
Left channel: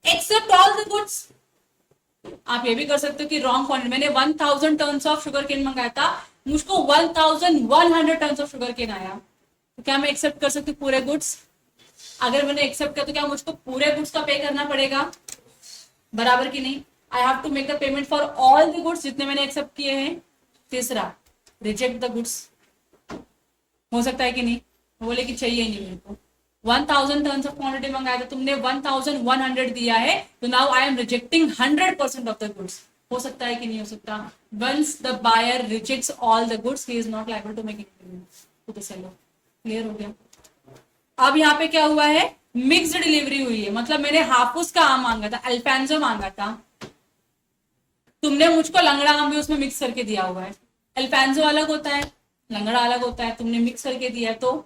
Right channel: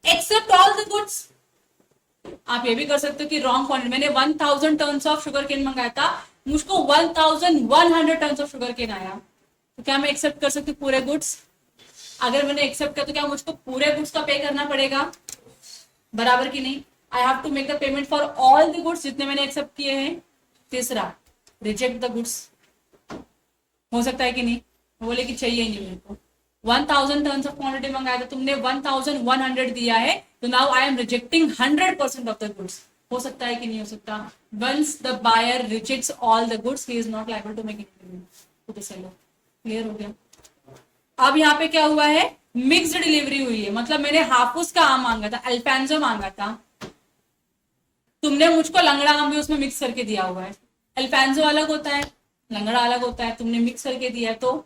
एक्सेप्ट ऑल द गुड्स, आप ये भी कर सकते हो कि रॉन्ग क्वांटिटी, मैंने 1000 टन्स ऑफ शुगर केन मंगाया था, मुझको 1100 टन्स ऑफ शुगर केन आया, तो क्या मैं एक्सेप्ट कर सकती हूँ पूरे गुड्स? अगर मैंने एक्सेप्ट किया तो क्या मुझको पूरे गुड्स का पे करना पड़ेगा? बराबर की नहीं? I have to make the payment for all the goods जितने मैंने एक्सेप्ट किए हैं। तीसरा, रिजेक्ट द गुड्स, हो सकता है कि नहीं? बोले कि चाहिए नहीं मेरे को, 1000 टन्स ऑफ क्वांटिटी मंगाया था, तुमने 1100 दिया है, तो now I am rejecting 100% of the goods. हो सकता है कि नहीं हो सकता? Once the buyer rejects all the goods he is not liable to make any payment to the seller. Clear हो गया? अब यहाँ पे क्या हुआ है, मिक्स्ड डिलीवरी हुई है, मतलब मैंने हाफूस का आम मांगा था, अल्फांसो मांगा था, तुमने मुझको लंगड़ा आम भी उसमें मिक्स करके दिया हुआ है। अल्फांसो अलग होता है, लंगड़ा अलग होता है, तुमने मिक्स करके दिया है, तो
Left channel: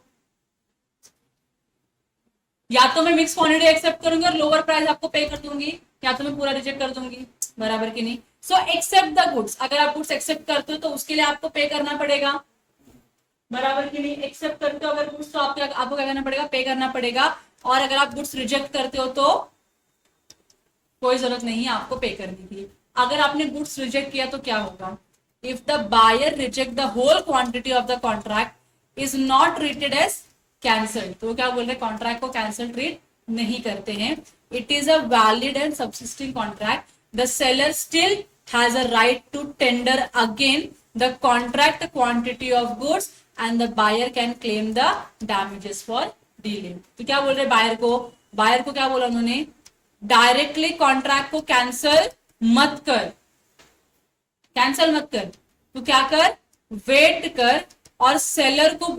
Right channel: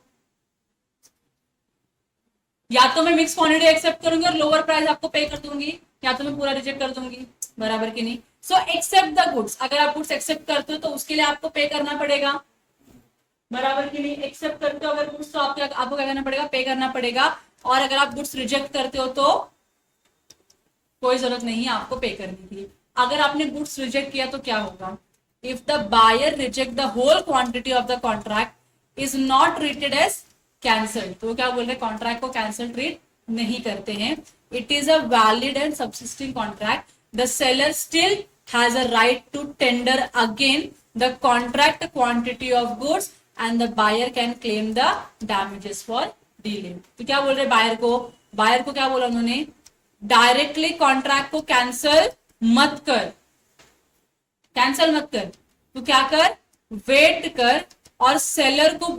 या तो मैं मिक्स क्वांटिटी एक्सेप्ट करूंगी और लोअर प्राइस आपको पे कर दूंगी, या तो मैं पूरा रिजेक्ट कर दूंगी। बराबर की नहीं? सो एक्सेप्ट द गुड्स, अगर आप गुड्स एक्सेप्ट करते हो तो उसके लिए आपको पे करना पड़ेगा। बराबर की नहीं? एक्सेप्ट करते हो अगर गुड्स तो आपको क्या करना पड़ेगा? पे करना पड़ेगा। और अगर आप गुड्स रिजेक्ट करते हो तो कोई जरूरत नहीं है आपको पे करने की। अगर आपने गुड्स रिजेक्ट किया तो क्या होगा, if the buyer reject the whole quantity of the contract is not treated as cancel, तो क्या बोल रहे हैं, कॉन्ट्रैक्ट को कैंसल ट्रीट नहीं करते हैं। It is a valid and subsisting contract, the seller still has a right to tender again the contract quantity of goods and the buyer can claim the damages for delay. तो क्या बोल रहे buyer को क्या बोला उन्होंने, directly contract को cancel मत कर, कैंसल मत कर, तो क्या कर, वेट कर और सेलर को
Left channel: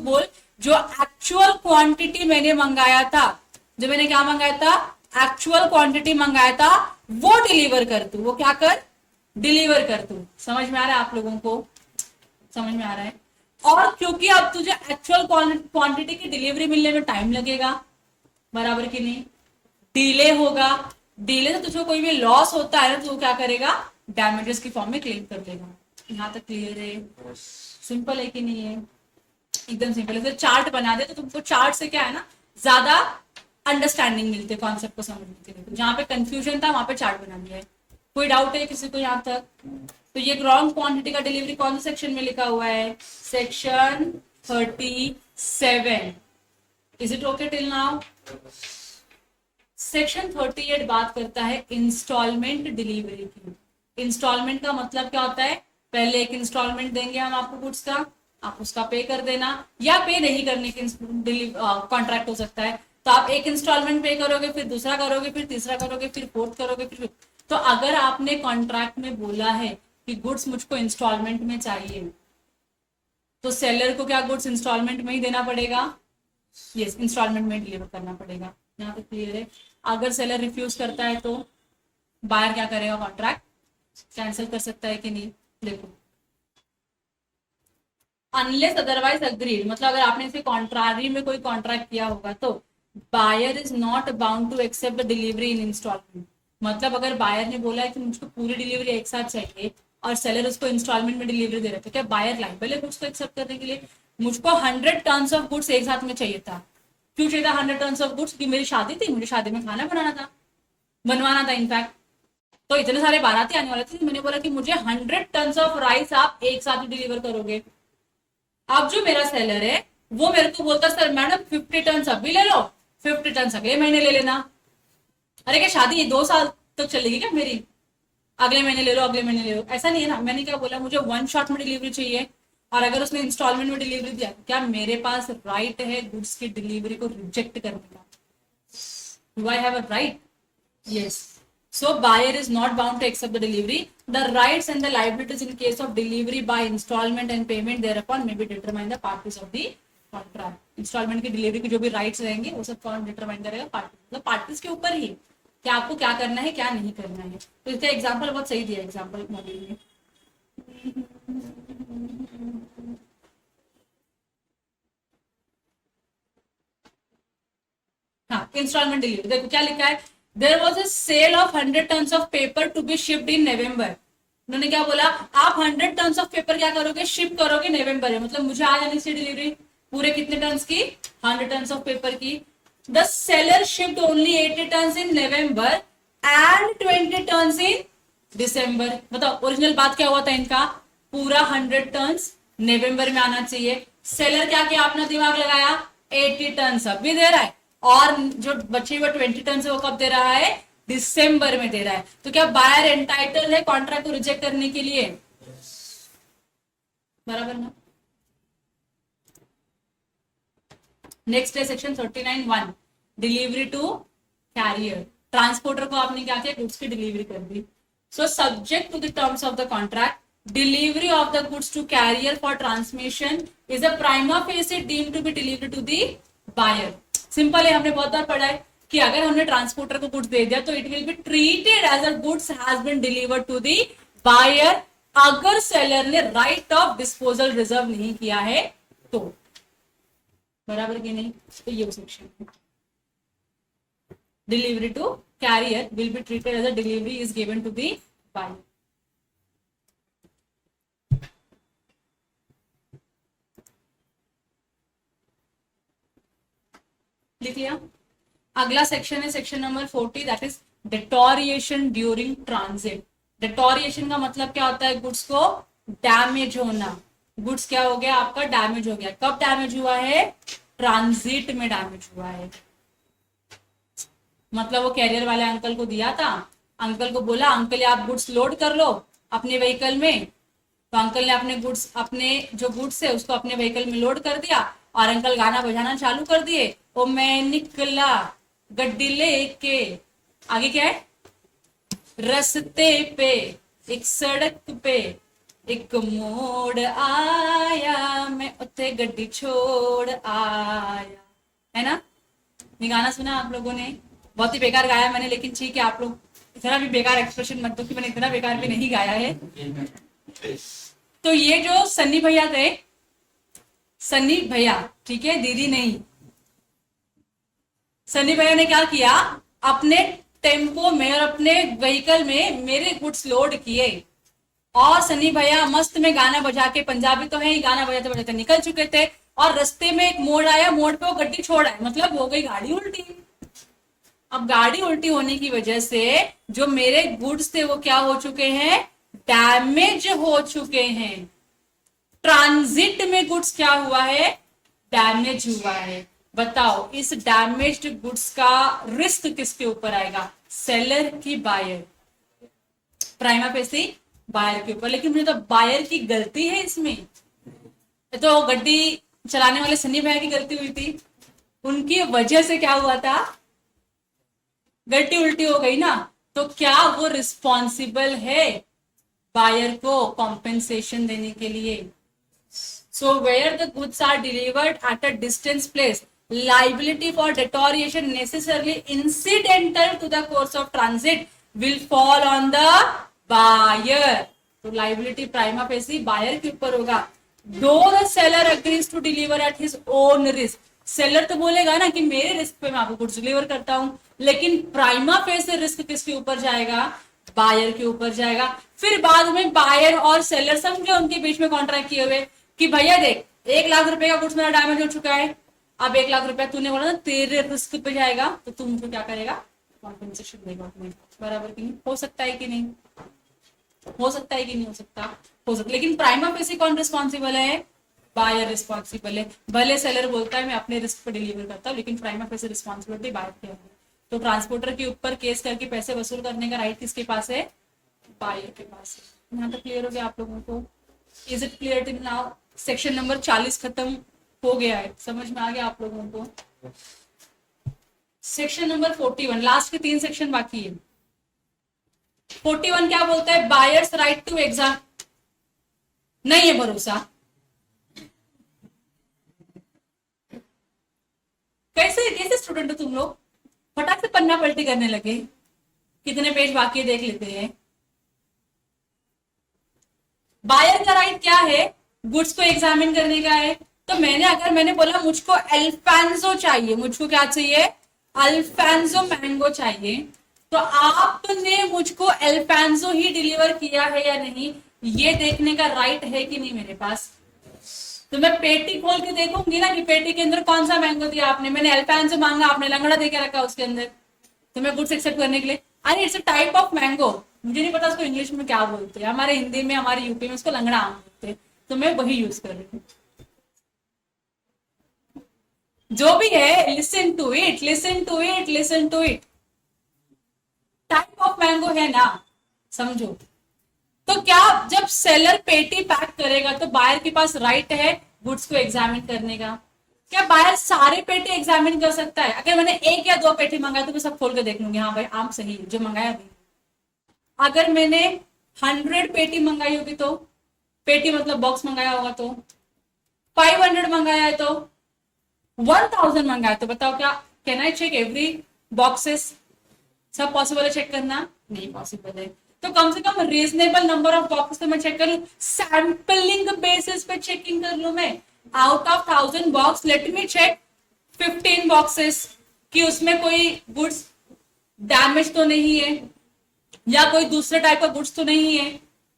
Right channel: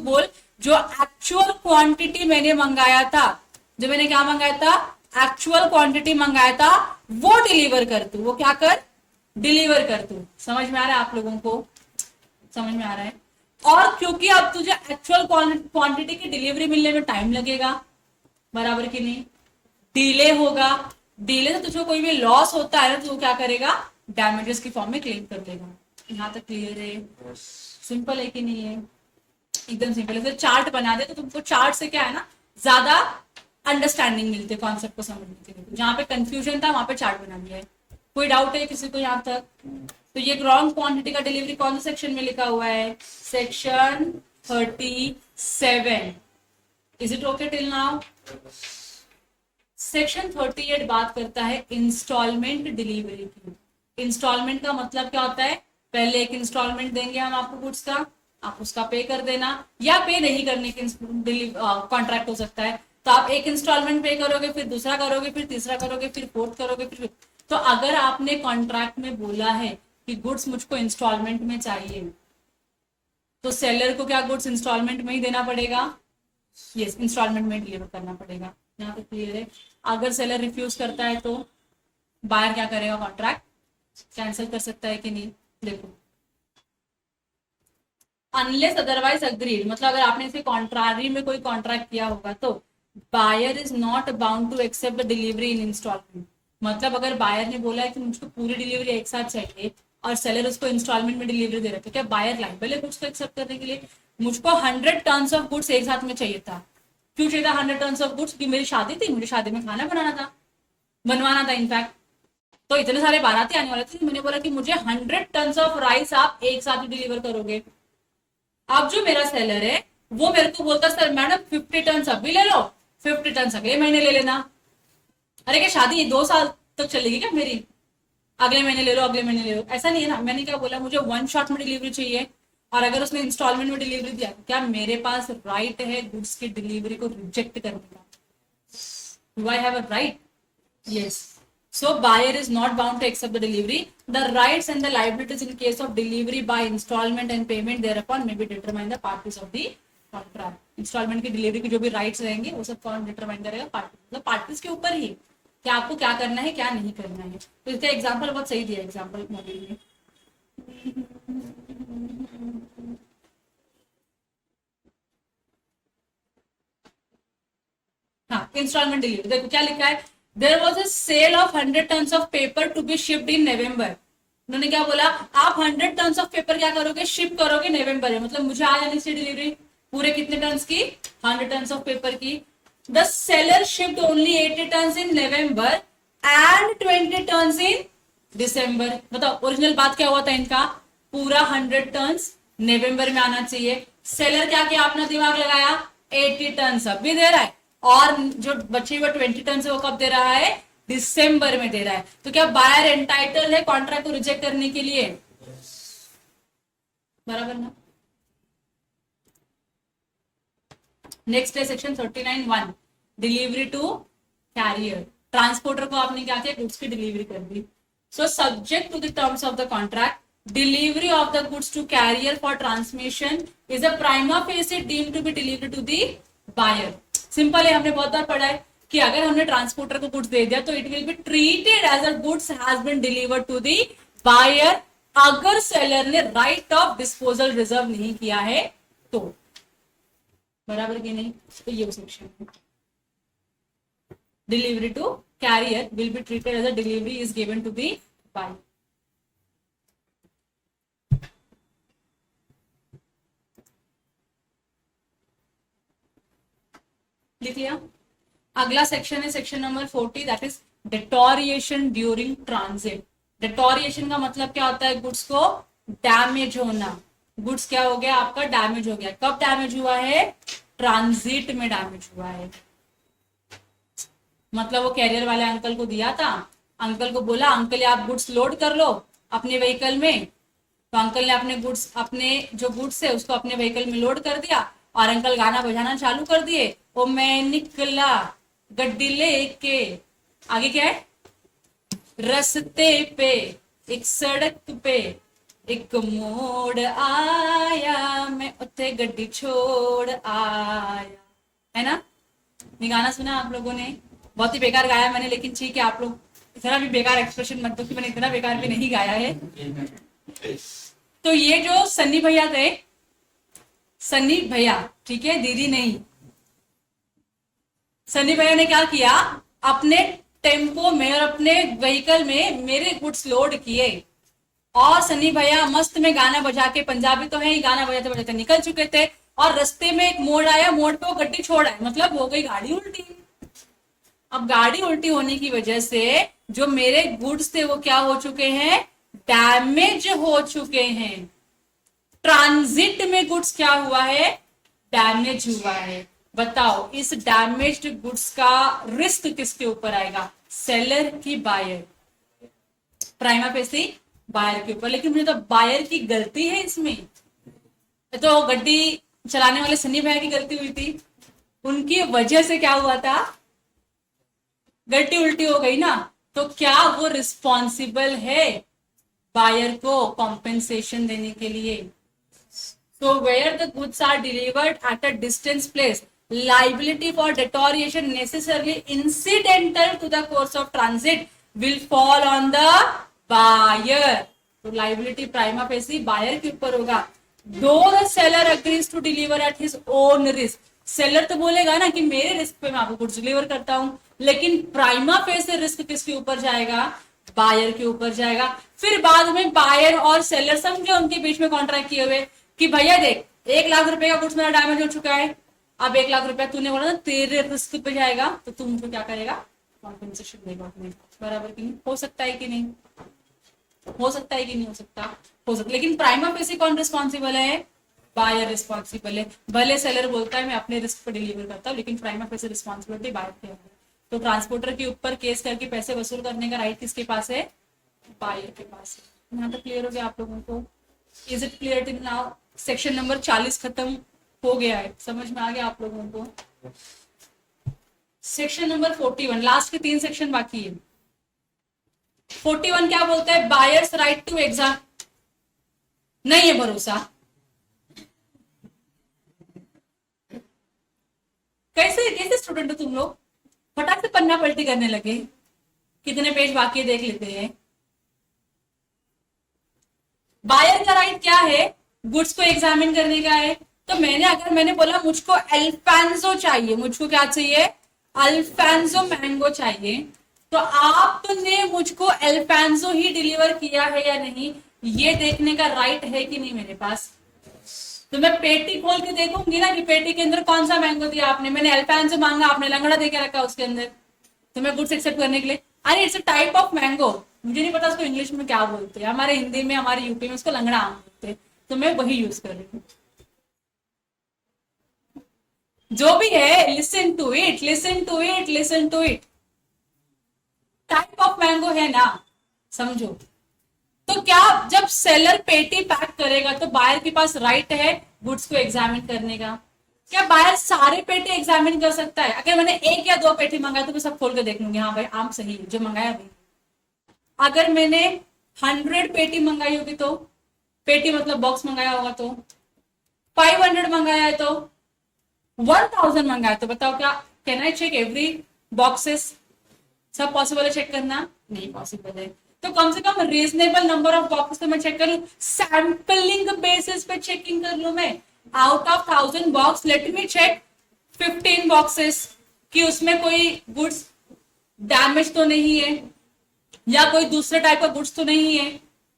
बोल जो एक्चुअल क्वांटिटी मैंने मंगाया था, जो मैंने क्या मंगाया था, एक्चुअल क्वांटिटी मंगाया था, वो डिलीवर कर तू, वो क्या कर, डिलीवर कर तू। समझ में आ रहा है आप लोगों को? समझ में आ रहा है? और क्योंकि अब तुझे एक्चुअल क्वांटिटी की डिलीवरी मिलने में टाइम लगेगा, बराबर की नहीं, डिले होगा, डिले से तुझको कोई भी लॉस होता है तो क्या करेगा, डैमेजेस की फॉर्म में क्लेम कर देगा। यहाँ तक क्लियर है? सिंपल है कि नहीं है? एकदम सिंपल है। चार्ट बना दे तो तुमको चार्ट से क्या है ना, ज्यादा अंडरस्टैंडिंग मिलती है कॉन्सेप्ट को समझने के लिए। जहां पे कंफ्यूजन था वहां पे चार्ट बना दिया है। कोई डाउट है किसी को यहाँ तक? तो ये रॉन्ग क्वांटिटी का डिलीवरी कौन से सेक्शन में लिखा हुआ है, section 7. Is it okay till now? Section 38 बात करता है इंस्टॉलमेंट डिलीवरी की। इंस्टॉलमेंट का मतलब क्या होता है? पहले एक इंस्टॉलमेंट देंगे हम आपको गुड्स का, आप उसका पे कर देना, या पे नहीं करने की कॉन्ट्रैक्ट हो सकता है। तो आप एक इंस्टॉलमेंट पे करोगे, फिर दूसरा करोगे, फिर तीसरा करोगे, फिर फोर्थ करोगे, फिर तो अगर आपने कॉन्ट्रैक्ट में बोला है कि गुड्स मुझको इंस्टॉलमेंट में चाहिए, तो सेलर को क्या गुड्स इंस्टॉलमेंट में ही देना पड़ेगा? यस, इंस्टॉलमेंट में डिलीवर करना पड़ेगा। यहाँ तक क्लियर है? अगर सेलर रिफ्यूज करता है तो बायर क्या करेगा? कॉन्ट्रैक्ट कैंसिल कर सकता है कि नहीं? देखो, अनलेस अदरवाइज अग्रीड, मतलब अगर आपने इसे कॉन्ट्रारी में कोई कॉन्ट्रैक्ट किया होगा तो buyer is not bound to accept the delivery in instalment. मतलब अगर बायर ने बोला है कि मुझको पूरी डिलीवरी एक साथ चाहिए और सेलर उसको इंस्टॉलमेंट में डिलीवरी दे रहे थे, क्या बायर लाइबल है उसको एक्सेप्ट करने के लिए? मुझको 100 टन्स ऑफ गुड्स एक साथ में चाहिए था। क्यों चाहिए था 100 टन्स ऑफ गुड्स? की मेरी शादी थी, मुझे शादी में खाना बनवाना था इनफैक्ट, तो इतने सारे बाराती आने वाले थे। मैंने बोला कि मुझे 100 टन्स ऑफ राइस आप एक साथ डिलीवर करोगे। अब जो मेरा सेलर है वो मेरे को बोलता, सर मैडम 50 टन्स अभी ले लो, 50 टन्स अगले महीने ले लेना। अरे क्या शादी 2 साल तक चलेगी क्या मेरी? अगले महीने ले लो, अगले महीने ले लो, ऐसा नहीं है ना। मैंने क्या बोला? मुझे 1 शॉट में डिलीवरी चाहिए, और अगर उसने इंस्टॉलमेंट में डिलीवरी दिया, क्या मेरे पास राइट है गुड्स की डिलीवरी को रिजेक्ट करने का? Do I have a right? Yes. So buyer is not bound to accept the delivery. The rights and the liabilities in case of delivery by installment and payment thereupon may be determined the parties of the contract. Installment की delivery की जो भी rights रहेंगे वो सब कौन determine करेगा? Party, मतलब पार्टीज के ऊपर ही कि आपको क्या करना है क्या नहीं करना है। तो इसका एग्जांपल बहुत सही दिया एग्जांपल मॉड्यूल में। हाँ, इंस्टॉलमेंट डिलीवरी देखो क्या लिखा है? There was a sale of 100 tons of paper to be shipped in November. उन्होंने क्या बोला? आप 100 टन्स ऑफ पेपर क्या करोगे? शिप करोगे नवंबर में, मतलब मुझे आ जानी चाहिए डिलीवरी पूरे कितने टन्स की? 100 टन्स ऑफ पेपर की। The seller shipped only 80 tons in November and 20 tons in December. मतलब ओरिजिनल बात क्या हुआ था इनका? पूरा 100 टन्स नवंबर में आना चाहिए। सेलर क्या किया? अपना दिमाग लगाया, 80 टन्स अभी दे रहा है, और जो बचे हुए 20 टन है वो कब दे रहा है? दिसंबर में दे रहा है। तो क्या बायर एंटाइटल है कॉन्ट्रैक्ट को रिजेक्ट करने के लिए? बराबर ना? नेक्स्ट है section 39(1), delivery to carrier. Transporter को आपने क्या किया? गुड्स की डिलीवरी कर दी। So subject to the terms of the contract, delivery of the goods to carrier for transmission is a prima facie deemed to be delivery to the buyer. Simple है, हमने बहुत बार पढ़ा है कि अगर हमने ट्रांसपोर्टर को गुड्स दे दिया तो it will be treated as a goods has been delivered to the buyer, अगर सेलर ने राइट ऑफ डिस्पोजल रिजर्व नहीं किया है तो। बराबर कि नहीं? तो ये section, delivery to carrier will be treated as a delivery is given to the buyer. लिख लिया? अगला सेक्शन है section number 40, that is deterioration during transit. Deterioration का मतलब क्या होता है? गुड्स को डैमेज होना। गुड्स क्या हो गया? आपका डैमेज हो गया। कब डैमेज हुआ है? ट्रांजिट में डैमेज हुआ है। मतलब वो कैरियर वाले अंकल को दिया था, अंकल को बोला अंकल आप गुड्स लोड कर लो अपने व्हीकल में, तो अंकल ने अपने जो गुड्स है उसको अपने व्हीकल में लोड कर दिया, और अंकल गाना बजाना चालू कर दिए, ओ मैं निकला गड्डी लेके, आगे क्या है? रस्ते पे एक सड़क पे एक मोड़ आया, मैं उत्ते गड्डी छोड़ आया, है ना? ये गाना सुना आप लोगों ने? बहुत ही बेकार गाया मैंने, लेकिन ठीक है, आप लोग इतना भी बेकार एक्सप्रेशन मत दो कि मैंने इतना बेकार भी नहीं गाया है। तो ये जो सन्नी भैया थे, सन्नी भैया, ठीक है, दीदी नहीं, सन्नी भैया ने क्या किया? अपने टेम्पो में और अपने व्हीकल में मेरे गुड्स लोड किए, और सन्नी भैया मस्त में गाना बजा के, पंजाबी तो है ही, गाना बजाते बजाते निकल चुके थे, और रास्ते में एक मोड़ आया, मोड़ पे वो गड्डी छोड़ा, मतलब हो गई गाड़ी उल्टी। अब गाड़ी उल्टी होने की वजह से जो मेरे गुड्स थे वो क्या हो चुके हैं? डैमेज हो चुके हैं। ट्रांजिट में गुड्स क्या हुआ है? डैमेज हुआ है, बताओ इस डैमेज्ड गुड्स का रिस्क किसके ऊपर आएगा, सेलर की बायर, प्राइमा फेसी बायर के ऊपर। लेकिन मुझे तो बायर की गलती है इसमें, तो गड्डी चलाने वाले सनी भाई की गलती हुई थी, उनकी वजह से क्या हुआ था, गड्डी उल्टी हो गई ना, तो क्या वो रिस्पॉन्सिबल है बायर को कॉम्पेंसेशन देने के लिए। So where the goods are delivered at a distance place, liability for deterioration necessarily incidental to the course of transit will fall on the buyer. तो liability prima facie buyer के ऊपर होगा। Though the seller agrees to deliver at his own risk, seller तो बोलेगा ना कि मेरे risk पे मैं आपको गुड्स डिलीवर करता हूं, लेकिन प्राइमा फेसी रिस्क किसके ऊपर जाएगा, बायर के ऊपर जाएगा। फिर बाद में बायर और सेलर समझे उनके बीच में कॉन्ट्रैक्ट किए हुए कि भैया देख 1 लाख रुपए का गुड्स मेरा डैमेज हो चुका है, अब 1 लाख रुपया तूने बोला ना तेरे रिस्क पे जाएगा, तो तू मुझको क्या करेगा, कॉम्पेंसेशन देगा तुम्हें, बराबर कि नहीं, हो सकता है कि नहीं, हो सकता है कि नहीं हो सकता, हो सकता। लेकिन प्राइमा फेसी कौन रिस्पॉन्सिबल है, बायर रिस्पॉन्सिबल है। भले सेलर बोलता है मैं अपने रिस्क पे डिलीवर करता हूँ, लेकिन प्राइमा फेसी रिस्पॉन्सिबिलिटी बायर की है। तो ट्रांसपोर्टर के ऊपर केस करके पैसे वसूल करने का राइट किसके पास है, बायर के पास है। यहाँ तक क्लियर हो गया आप लोगों को, is it clear till now. Section number 40 खत्म हो गया है, समझ में आ गया आप लोगों को। सेक्शन नंबर 41, लास्ट के 3 सेक्शन बाकी है। 41 क्या बोलता है, बायर्स राइट टू एग्जाम, नहीं है भरोसा, कैसे कैसे स्टूडेंट हो तुम लोग, फटाक से पन्ना पलटी करने लगे, कितने पेज बाकी देख लेते हैं। बायर का राइट क्या है, गुड्स को एग्जामिन करने का है। तो मैंने बोला मुझको अल्फांसो चाहिए, मुझको क्या चाहिए, अल्फांसो मैंगो चाहिए, तो आपने मुझको अल्फांसो ही डिलीवर किया है या नहीं, ये देखने का राइट है कि नहीं मेरे पास। तो मैं पेटी खोल के देखूंगी ना कि पेटी के अंदर कौन सा मैंगो दिया आपने, मैंने अल्फांसो मांगा, आपने लंगड़ा देके रखा उसके अंदर, तो मैं गुड्स एक्सेप्ट करने के लिए, अरे it's a type of mango, मुझे नहीं पता उसको इंग्लिश में क्या बोलते हैं, हमारे हिंदी में हमारे यूपी में उसको लंगड़ा आम बोलते हैं, तो मैं वही यूज कर रही हूँ। जो भी है, listen to it, listen to it, listen to it, type of mango है ना, समझो। तो क्या जब सेलर पेटी पैक करेगा तो बायर के पास राइट है गुड्स को एग्जामिन करने का, क्या बायर सारे पेटी एग्जामिन कर सकता है। अगर मैंने 1 या 2 पेटी मंगाया तो मैं सब खोल के देख लूंगी, हाँ भाई आम सही जो मंगाया भी। अगर मैंने 100 पेटी मंगाई होगी, तो पेटी मतलब बॉक्स मंगाया होगा, तो 500 मंगाया है, तो 1000 मंगाया, तो बताओ क्या can I check every boxes, सब पॉसिबल है चेक करना, नहीं पॉसिबल है। तो कम से कम रीजनेबल नंबर ऑफ बॉक्सेस तो मैं चेक कर लूं, सैंपलिंग बेसिस पे चेकिंग कर लूं मैं। Out of 1000 box let me check 15 boxes कि उसमें कोई गुड्स डैमेज तो नहीं है या कोई दूसरे टाइप का गुड्स तो नहीं है,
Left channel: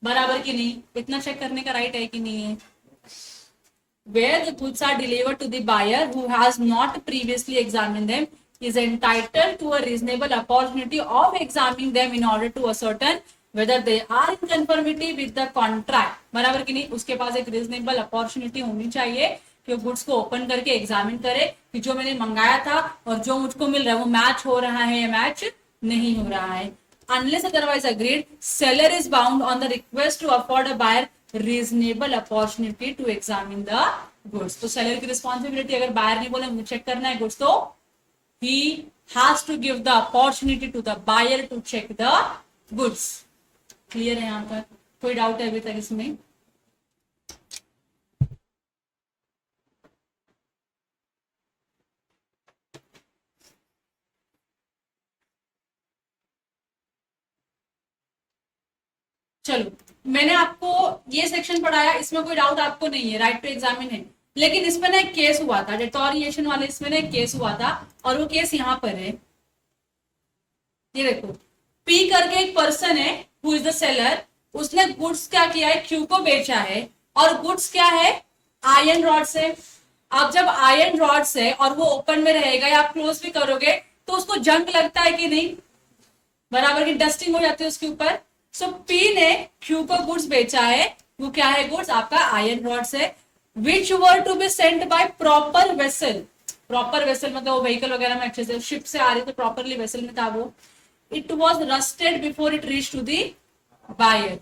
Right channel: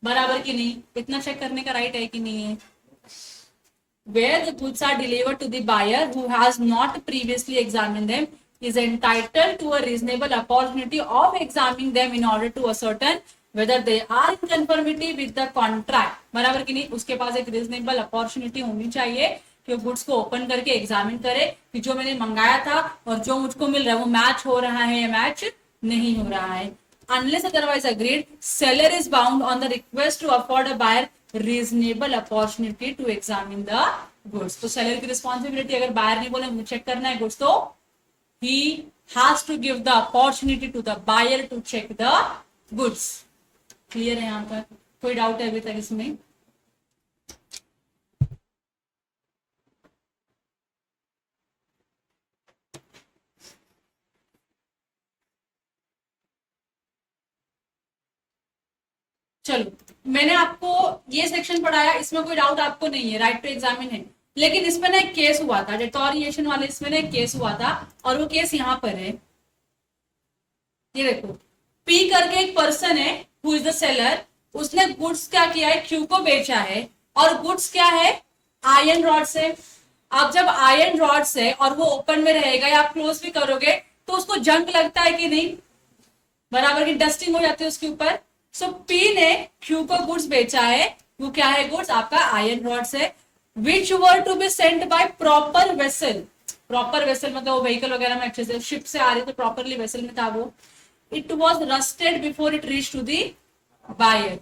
बराबर की नहीं, इतना चेक करने का राइट है कि नहीं है। Where the goods are delivered to the buyer who has not previously examined them is entitled to a reasonable opportunity of examining them in order to ascertain whether they are in conformity with the contract, बराबर की नहीं, उसके पास एक reasonable opportunity होनी चाहिए कि goods को open करके एग्जामिन करे कि जो मैंने मंगाया था और जो मुझको मिल रहा है वो मैच हो रहा है या मैच नहीं हो रहा है। Unless otherwise agreed, seller is bound on the request to afford a buyer reasonable opportunity to examine the goods. तो seller की responsibility, अगर buyer ने बोला मुझे चेक करना है goods, तो he has to give the opportunity to the buyer to check the goods. Clear है यहाँ तक, कोई डाउट है अभी तक इसमें? चलो मैंने आपको ये सेक्शन पढ़ाया, इसमें कोई डाउट आपको नहीं है, राइट टू एग्जामिन है। लेकिन इसमें ना एक केस हुआ था, डिटोरिएशन वाले इसमें ना एक केस हुआ था, और वो केस यहाँ पर है, ये देखो, पी करके एक पर्सन है हु इज द सेलर, उसने गुड्स क्या किया है, क्यू को बेचा है, और गुड्स क्या है, आयरन रॉड से। अब जब आयरन रॉड से और वो ओपन में रहेगा या आप क्लोज भी करोगे तो उसको जंग लगता है कि नहीं, बराबर की डस्टिंग हो जाती है उसके ऊपर। सो पी ने क्यू को गुड्स बेचा है, वो क्या है गुड्स आपका आयरन रॉड से। Which were to be sent by proper vessel, proper vessel मतलब वो व्हीकल वगैरह में अच्छे से शिप से आ रही तो प्रॉपरली वेसल में था वो, it was rusted before it reach to the buyer,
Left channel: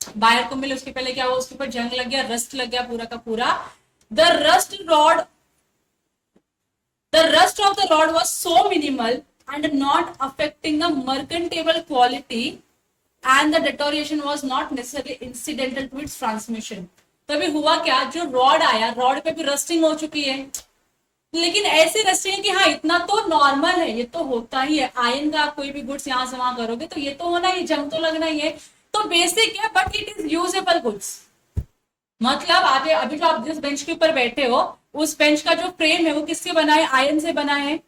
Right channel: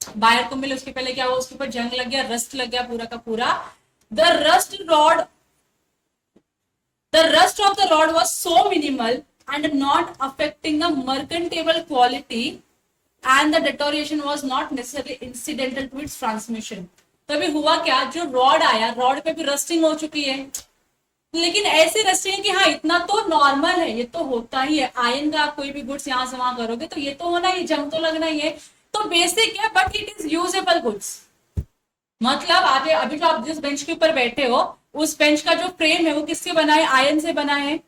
buyer को मिले उसके पहले क्या हुआ, उसके ऊपर जंग लग गया, रस्ट लग गया पूरा का पूरा। The rust rod, the rust of the rod was so minimal and not affecting the mercantile quality and the deterioration was not necessarily incidental to its transmission। तभी हुआ क्या, जो रॉड आया रॉड पे भी रस्टिंग हो चुकी है, लेकिन ऐसी रस्टिंग कि हाँ इतना तो नॉर्मल है, ये तो होता ही है, आयन का आप कोई भी गुड्स यहाँ से वहां करोगे तो ये तो होना ही, जंग तो लगना ही है, तो बेसिक है but it is usable goods. मतलब आगे अभी जो आप जिस बेंच के ऊपर बैठे हो उस बेंच का जो फ्रेम है वो किससे बना है, आयरन से बना है।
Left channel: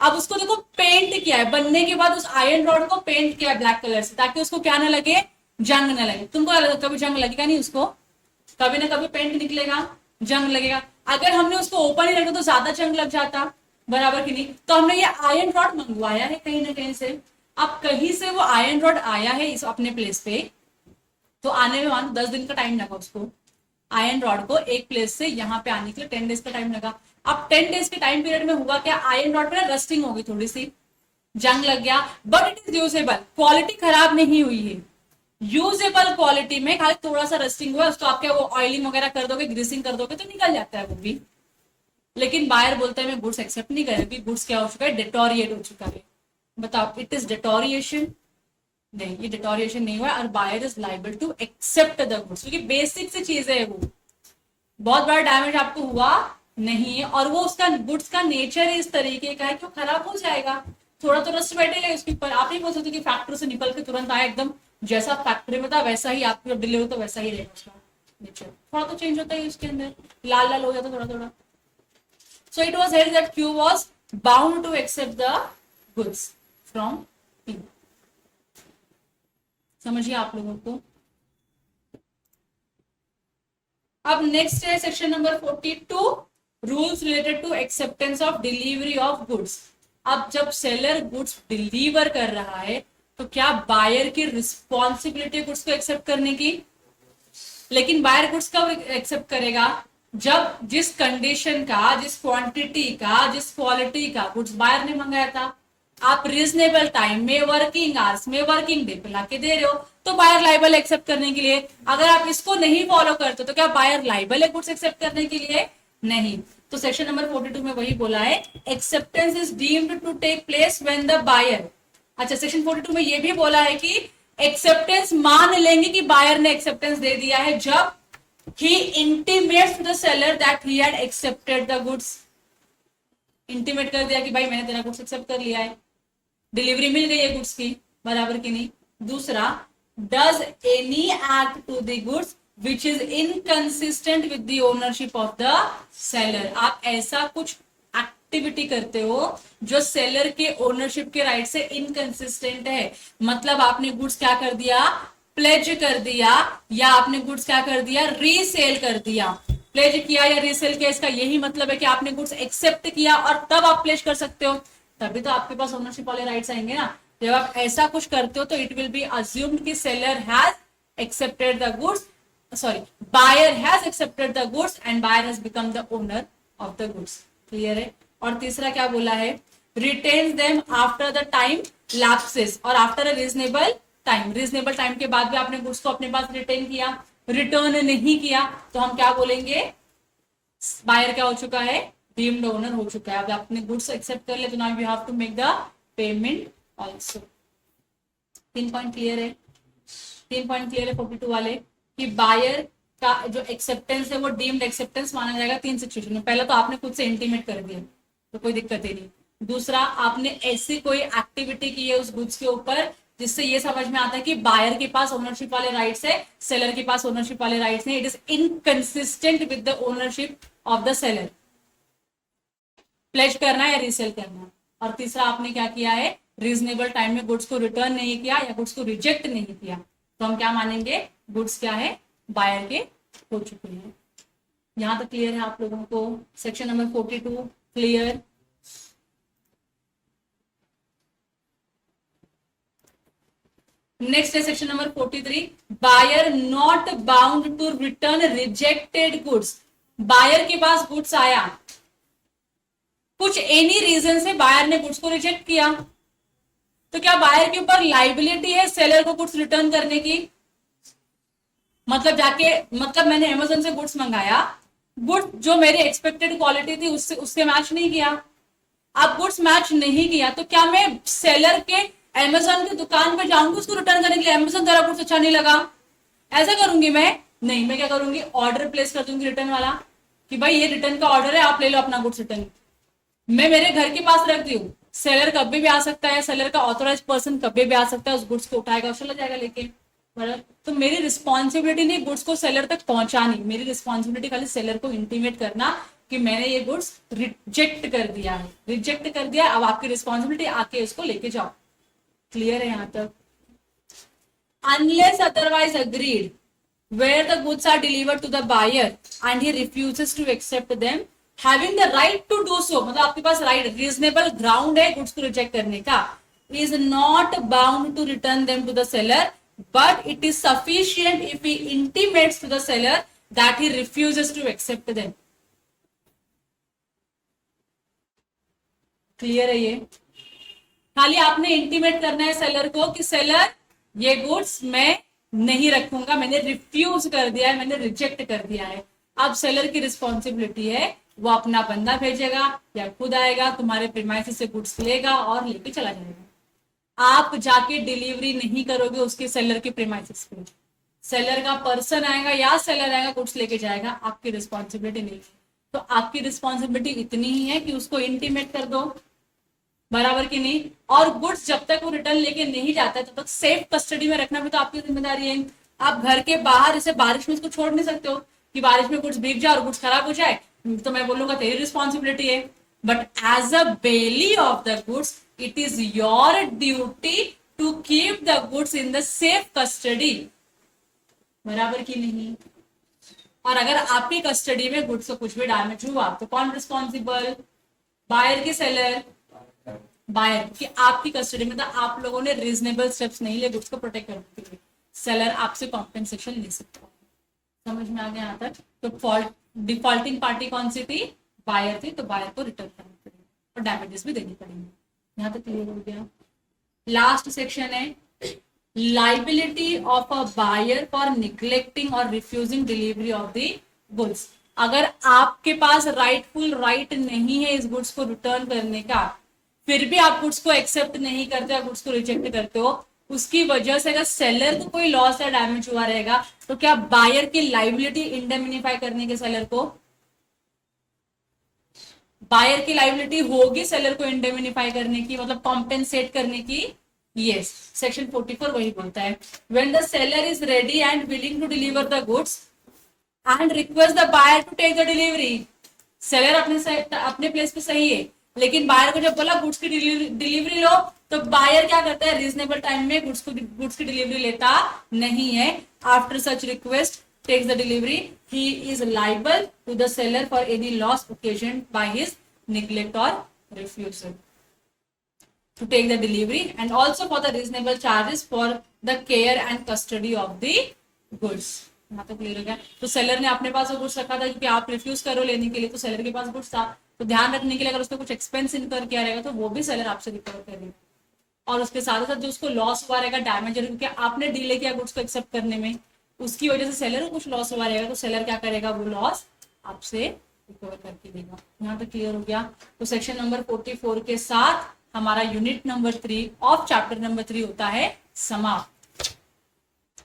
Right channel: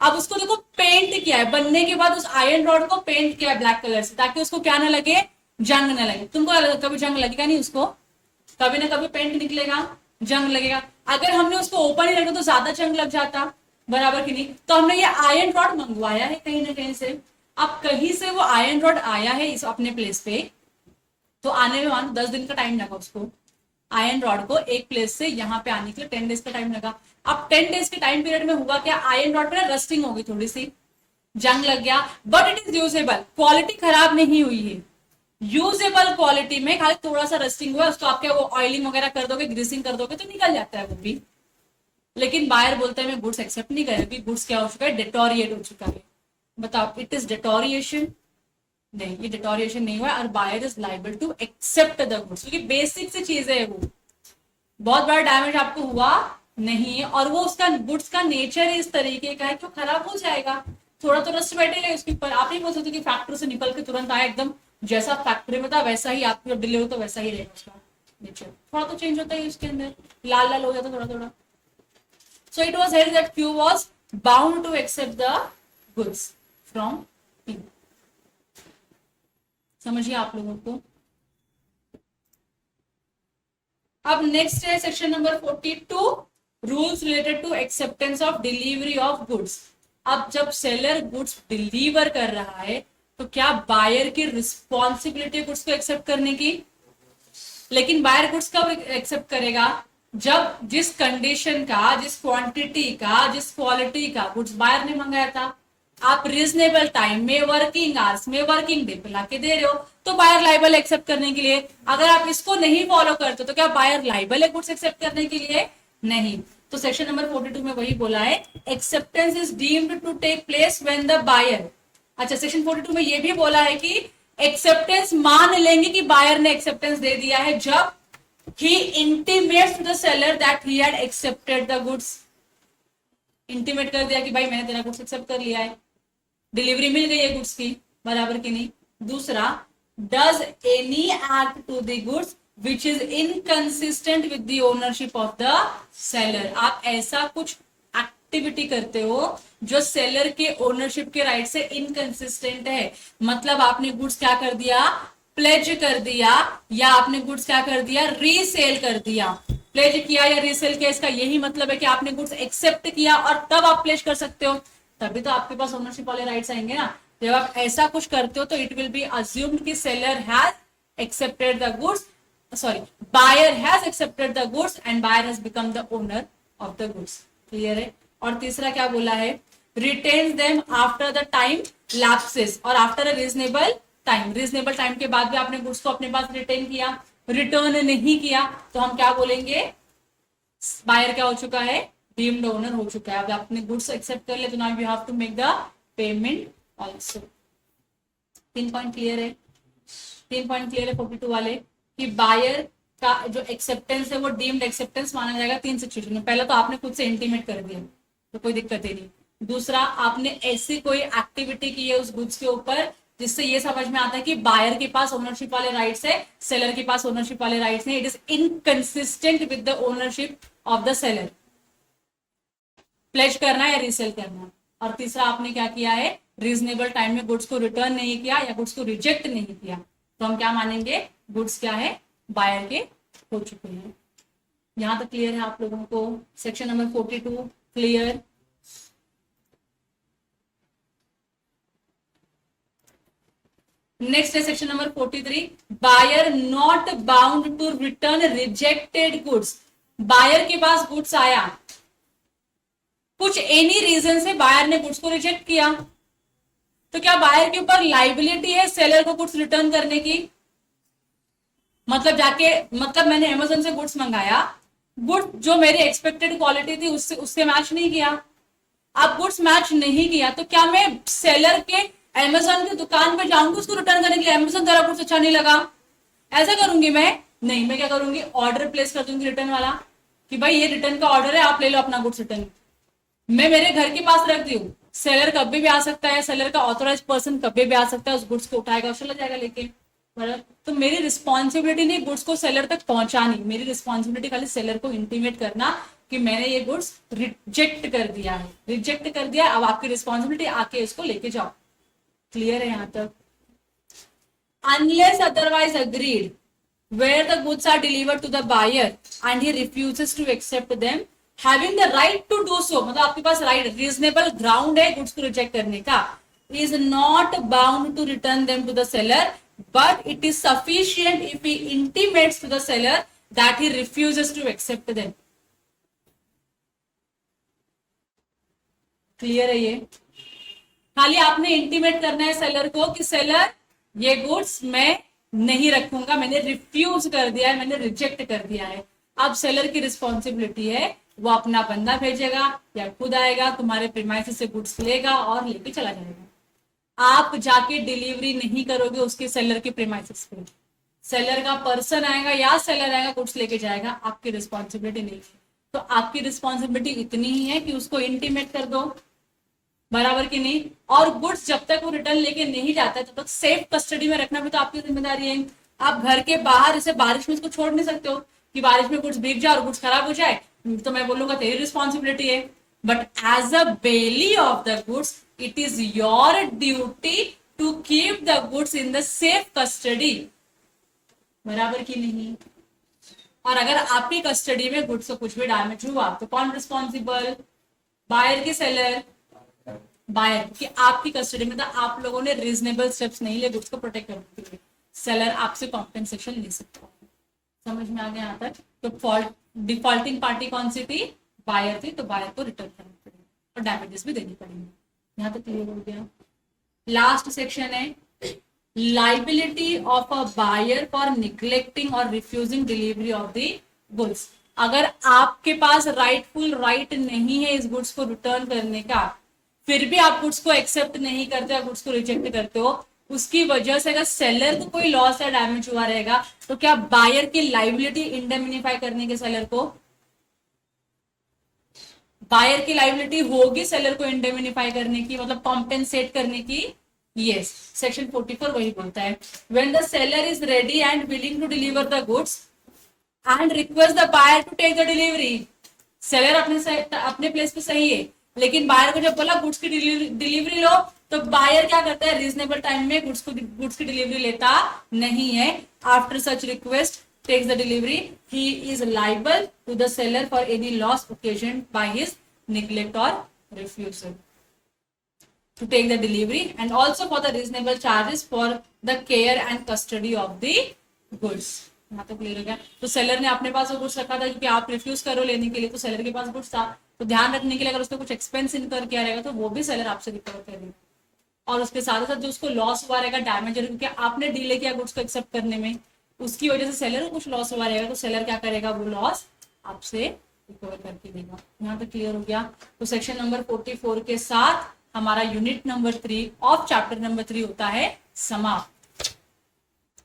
अब उसको देखो पेंट किया है, बनने के बाद उस आयरन रॉड को पेंट किया है ब्लैक कलर से, ताकि उसको क्या ना लगे, जंग ना लगे। तुमको क्या लगता है, कभी जंग लगेगा नहीं उसको, कभी ना कभी पेंट निकलेगा, जंग लगेगा। अगर हमने उसको ओपन ही रखा तो ज्यादा जंग लग जाता, बराबर की नहीं। तो हमने ये आयरन रॉड मंगवाया है कहीं ना कहीं से, अब कहीं से वो आयरन रॉड आया है इस अपने प्लेस पे, तो आने में मानो 10 दिन का टाइम लगा उसको, आयरन रॉड को एक प्लेस से यहाँ पे आने के लिए 10 डेज का टाइम लगा। अब 10 डेज के टाइम पीरियड में हुआ क्या, आयरन रॉड पे रस्टिंग हो गई, थोड़ी सी जंग लग गया, but it is usable, quality खराब नहीं हुई है, यूजेबल क्वालिटी में, खाली थोड़ा सा रस्टिंग हुआ, उसको आप क्या वो ऑयलिंग वगैरह कर दोगे, ग्रीसिंग कर दोगे तो निकल जाता है वो भी। लेकिन बायर बोलता है मैं गुड्स एक्सेप्ट नहीं करेगा, गुड्स क्या हो चुका है, डिटोरिएट हो चुका है। बताओ इट इज डिटोरिएशन, नहीं ये डिटोरिएशन नहीं हुआ, और buyer is liable to accept the goods, क्योंकि बेसिक सी चीज है वो, बहुत बड़ा डैमेज आपको हुआ नहीं है, और वो उसका गुड्स का नेचर इस तरीके का है कि वो खराब हो जाएगा, थोड़ा तो रस्ट बैठेगा उसके ऊपर। आप नहीं बोल सकते कि फैक्ट्री से निकल के तुरंत आया एकदम जैसा फैक्ट्री में था वैसा ही आपको डिले हो तो वैसा ही रहेगा उसका नेचर, थोड़ा तो चेंज होता है उसके अंदर, लाल लाल हो जाता थोड़ा थोड़ा। So it was held that Q was bound to accept the goods from Q। समझिए आप लोगों को। अब नेक्स्ट है section number 42, rules related to acceptance of delivery of goods. अब जब सेलर गुड्स डिलीवर कर रहा है तो क्या बायर की रिस्पॉन्सिबिलिटी गुड्स को एक्सेप्ट करने की, लेकिन बायर गुड्स कब एक्सेप्ट करेगा, जब जिस कंडीशन का, जिस क्वांटिटी का, जिस क्वालिटी का गुड्स बायर ने मंगाया था आप रीजनेबल टाइम में, वर्किंग आवर्स में, वर्किंग डे पे लाके दे रहे हो, तो बायर लाइबल एक्सेप्ट करने के लिए। अगर आप इसको नहीं फॉलो करते तो क्या बायर लाइबल है गुड्स एक्सेप्ट करने के लिए, नहीं। तो सेक्शन नंबर 42 में वही बोला है, acceptance is deemed to take place when the buyer. अच्छा सेक्शन 42 में ये भी बोला है कि एक्सेप्टेंस मान लेंगे कि बायर ने एक्सेप्टेंस दे दिया है जब he intimates to the seller that he had accepted the goods। Intimate कर दिया कि भाई मैंने तेरा गुड्स एक्सेप्ट कर लिया है, डिलीवरी मिल गई है गुड्स की, बराबर की नहीं। दूसरा, does any act to the goods which is inconsistent with the ownership of the seller. आप ऐसा कुछ एक्टिविटी करते हो जो सेलर के ओनरशिप के राइट से इनकंसिस्टेंट है, मतलब आपने गुड्स क्या कर दिया, प्लेज कर दिया, या आपने गुड्स क्या कर दिया, रीसेल कर दिया। प्लेज किया या रीसेल किया, इसका यही मतलब है कि आपने गुड्स एक्सेप्ट किया और तब आप प्लेज कर सकते हो, तभी तो आपके पास ओनरशिप वाले राइट्स आएंगे ना। जब आप ऐसा कुछ करते हो तो इट विल बी अज्यूम्ड कि seller has accepted the goods, sorry buyer has accepted the goods and buyer has become the owner of the goods. Clear है। और तीसरा क्या बोला है, retain them after the time lapses or after a reasonable time. Reasonable time के बाद भी आपने गुड्स को अपने पास रिटेन किया, रिटर्न नहीं किया, तो हम क्या बोलेंगे, बायर क्या हो चुका है, डीम्ड ओनर हो चुका है। अब आपने गुड्स एक्सेप्ट कर लिया तो now you have to make the payment also. 3 point clear है, 3 पॉइंट क्लियर है 42 वाले कि बायर का जो एक्सेप्टेंस है वो डीम्ड एक्सेप्टेंस माना जाएगा 3 सिचुएशन में। पहला तो आपने खुद से इंटीमेट कर दिया तो कोई दिक्कत ही नहीं। दूसरा, आपने ऐसी कोई एक्टिविटी की है उस गुड्स के ऊपर जिससे ये समझ में आता है कि बायर के पास ओनरशिप वाले राइट्स है, सेलर के पास ओनरशिप वाले राइट्स है, it is inconsistent with the ownership of the seller. Pledge करना है, रीसेल करना। और तीसरा, आपने क्या किया है, रीजनेबल टाइम में गुड्स को रिटर्न नहीं किया या गुड्स को रिजेक्ट नहीं किया, तो हम क्या मानेंगे, गुड्स क्या है, बायर के हो चुके हैं। यहां तक क्लियर है आप लोगों को। Section number 42 clear. नेक्स्ट है section number 43, buyer not bound to return rejected goods. Buyer के पास गुड्स आया, कुछ एनी रीजन से बायर ने गुड्स को रिजेक्ट किया, तो क्या बायर के ऊपर लाइबिलिटी है सेलर को गुड्स रिटर्न करने की? मतलब मैंने अमेज़न से गुड्स मंगाया, गुड जो मेरी एक्सपेक्टेड क्वालिटी थी उससे मैच नहीं किया। अब गुड्स मैच नहीं किया तो क्या मैं सेलर के अमेज़न की दुकान पे जाऊंगी उसको रिटर्न करने के लिए? अमेज़न तेरा गुड्स अच्छा नहीं लगा, ऐसा करूंगी मैं? नहीं, मैं क्या करूंगी, ऑर्डर प्लेस कर दूंगी रिटर्न वाला कि भाई ये रिटर्न का ऑर्डर है, आप ले लो अपना गुड्स रिटर्न। मैं मेरे घर के पास रखती हूँ, सेलर कभी भी आ सकता है, सेलर का ऑथोराइज पर्सन कभी भी आ सकता है, उस गुड्स को उठाएगा और चला जाएगा लेके। तो मेरी रिस्पॉन्सिबिलिटी नहीं गुड्स को सेलर तक पहुंचानी, मेरी रिस्पॉन्सिबिलिटी खाली सेलर को इंटीमेट करना कि मैंने ये गुड्स रिजेक्ट कर दिया है, रिजेक्ट कर दिया। अब आपकी रिस्पॉन्सिबिलिटी आके इसको लेके जाओ। क्लियर है यहां तक? Unless otherwise agreed where the goods are delivered to the buyer and he refuses to accept them, having the right to do so, मतलब आपके पास राइट रीजनेबल ग्राउंड है गुड्स को रिजेक्ट करने का, is not bound to return them to the seller, but it is sufficient if he intimates to the seller that he refuses to accept them. Clear है ये? खाली आपने intimate करना है सेलर को कि सेलर ये गुड्स मैं नहीं रखूंगा, मैंने रिफ्यूज कर दिया है, मैंने रिजेक्ट कर दिया है। अब सेलर की रिस्पॉन्सिबिलिटी है, वो अपना बंदा भेजेगा या खुद आएगा, तुम्हारे प्रीमाइसेस से गुड्स लेगा और लेके चला जाएगा। आप जाके डिलीवरी नहीं करोगे उसके सेलर के प्रीमाइसेस पे, सेलर का पर्सन आएगा या सेलर आएगा गुड्स लेके जाएगा, आपकी रिस्पॉन्सिबिलिटी नहीं। तो आपकी रिस्पॉन्सिबिलिटी इतनी ही है कि उसको इंटीमेट कर दो, बराबर की नहीं। और गुड्स जब तक वो रिटर्न लेके नहीं जाता तब तक सेफ कस्टडी में रखना भी तो आपकी जिम्मेदारी है। आप घर के बाहर जैसे बारिश में उसको छोड़ नहीं सकते हो कि बारिश में गुड्स भीग जाए और गुड्स खराब हो जाए, तो मैं बोलूंगा तेरी रिस्पॉन्सिबिलिटी है। But as a bailee of the goods it is your duty to keep the goods in the safe custody, बराबर की नहीं। और अगर आपकी कस्टडी में गुड्स को कुछ भी डैमेज हुआ तो कौन रिस्पॉन्सिबल? बायर की सेलर? बायर कि आपकी कस्टडी में था, आप लोगों ने रीजनेबल स्टेप्स नहीं लिए गुड्स को प्रोटेक्ट करने के लिए, सेलर आपसे कॉम्पेंसेशन ले सकता है। समझ में आ गया यहाँ तक? तो डिफॉल्टिंग पार्टी कौन सी थी? बायर थी, तो बायर को रिटर्न करना पड़ेगा और डैमेजेस भी देनी पड़ेंगे। यहाँ तक क्लियर हो गया? लास्ट सेक्शन है liability of a buyer for neglecting or refusing delivery of the goods. अगर आपके पास राइटफुल राइट नहीं है इस गुड्स को रिटर्न करने का, फिर भी आप गुड्स को एक्सेप्ट नहीं करते और गुड्स को रिजेक्ट करते हो, उसकी वजह से अगर सेलर को कोई लॉस या डैमेज हुआ रहेगा तो क्या बायर की लाइबिलिटी इंडेमनिफाई करने के सेलर को? बायर की लाइबिलिटी होगी सेलर को इंडेमनिफाई करने की, मतलब कॉम्पेंसेट करने की। यस, सेक्शन 44 वही बोलता है when the seller is ready and willing to deliver the goods and request the buyer to take the delivery. Seller अपने प्लेस पे सही है, लेकिन बायर को जब बोला गुड्स की डिलीवरी लो, तो बायर क्या करता है? रीजनेबल टाइम में गुड्स की डिलीवरी लेता नहीं है। After such request takes the delivery, he is liable to the seller for any loss occasioned by his neglect or refusal to take the delivery and also for the reasonable charges for the care and custody of the goods। यहाँ तक clear हो गया? तो seller ने अपने पास वो goods रखा था क्योंकि आप रिफ्यूज करो लेने के लिए, तो सेलर के पास गुड्स था, तो ध्यान रखने के लिए अगर उसको कुछ एक्सपेंस इनकर किया रहेगा तो वो भी सेलर आपसे रिकवर करेगा। और उसके साथ साथ जो उसको लॉस हुआ रहेगा, डैमेज है, क्योंकि आपने डीले किया गुड्स को एक्सेप्ट करने में, उसकी वजह से सेलर को कुछ लॉस हुआ रहेगा, तो सेलर क्या करेगा? वो लॉस आपसे रिकवर करके देगा। यहाँ पे क्लियर हो गया? तो सेक्शन नंबर 44 के साथ हमारा unit number 3 of chapter number 3 होता है समाप्त।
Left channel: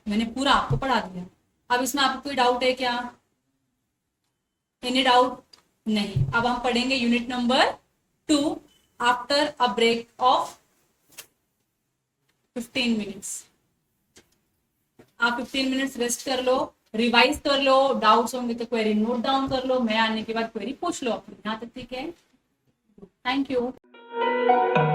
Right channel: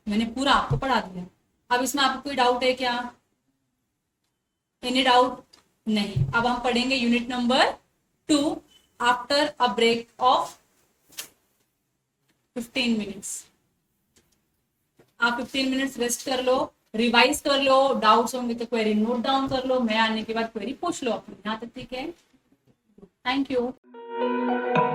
मैंने पूरा आपको पढ़ा दिया। अब इसमें आपको कोई डाउट है क्या? Any doubt? नहीं। अब हम पढ़ेंगे unit number 2 after a break of 15 minutes. आप 15 मिनट्स रेस्ट कर लो, रिवाइज कर लो, डाउट्स होंगे तो क्वेरी नोट डाउन कर लो, मैं आने के बाद क्वेरी पूछ लो अपनी। यहाँ तक ठीक है? Thank you.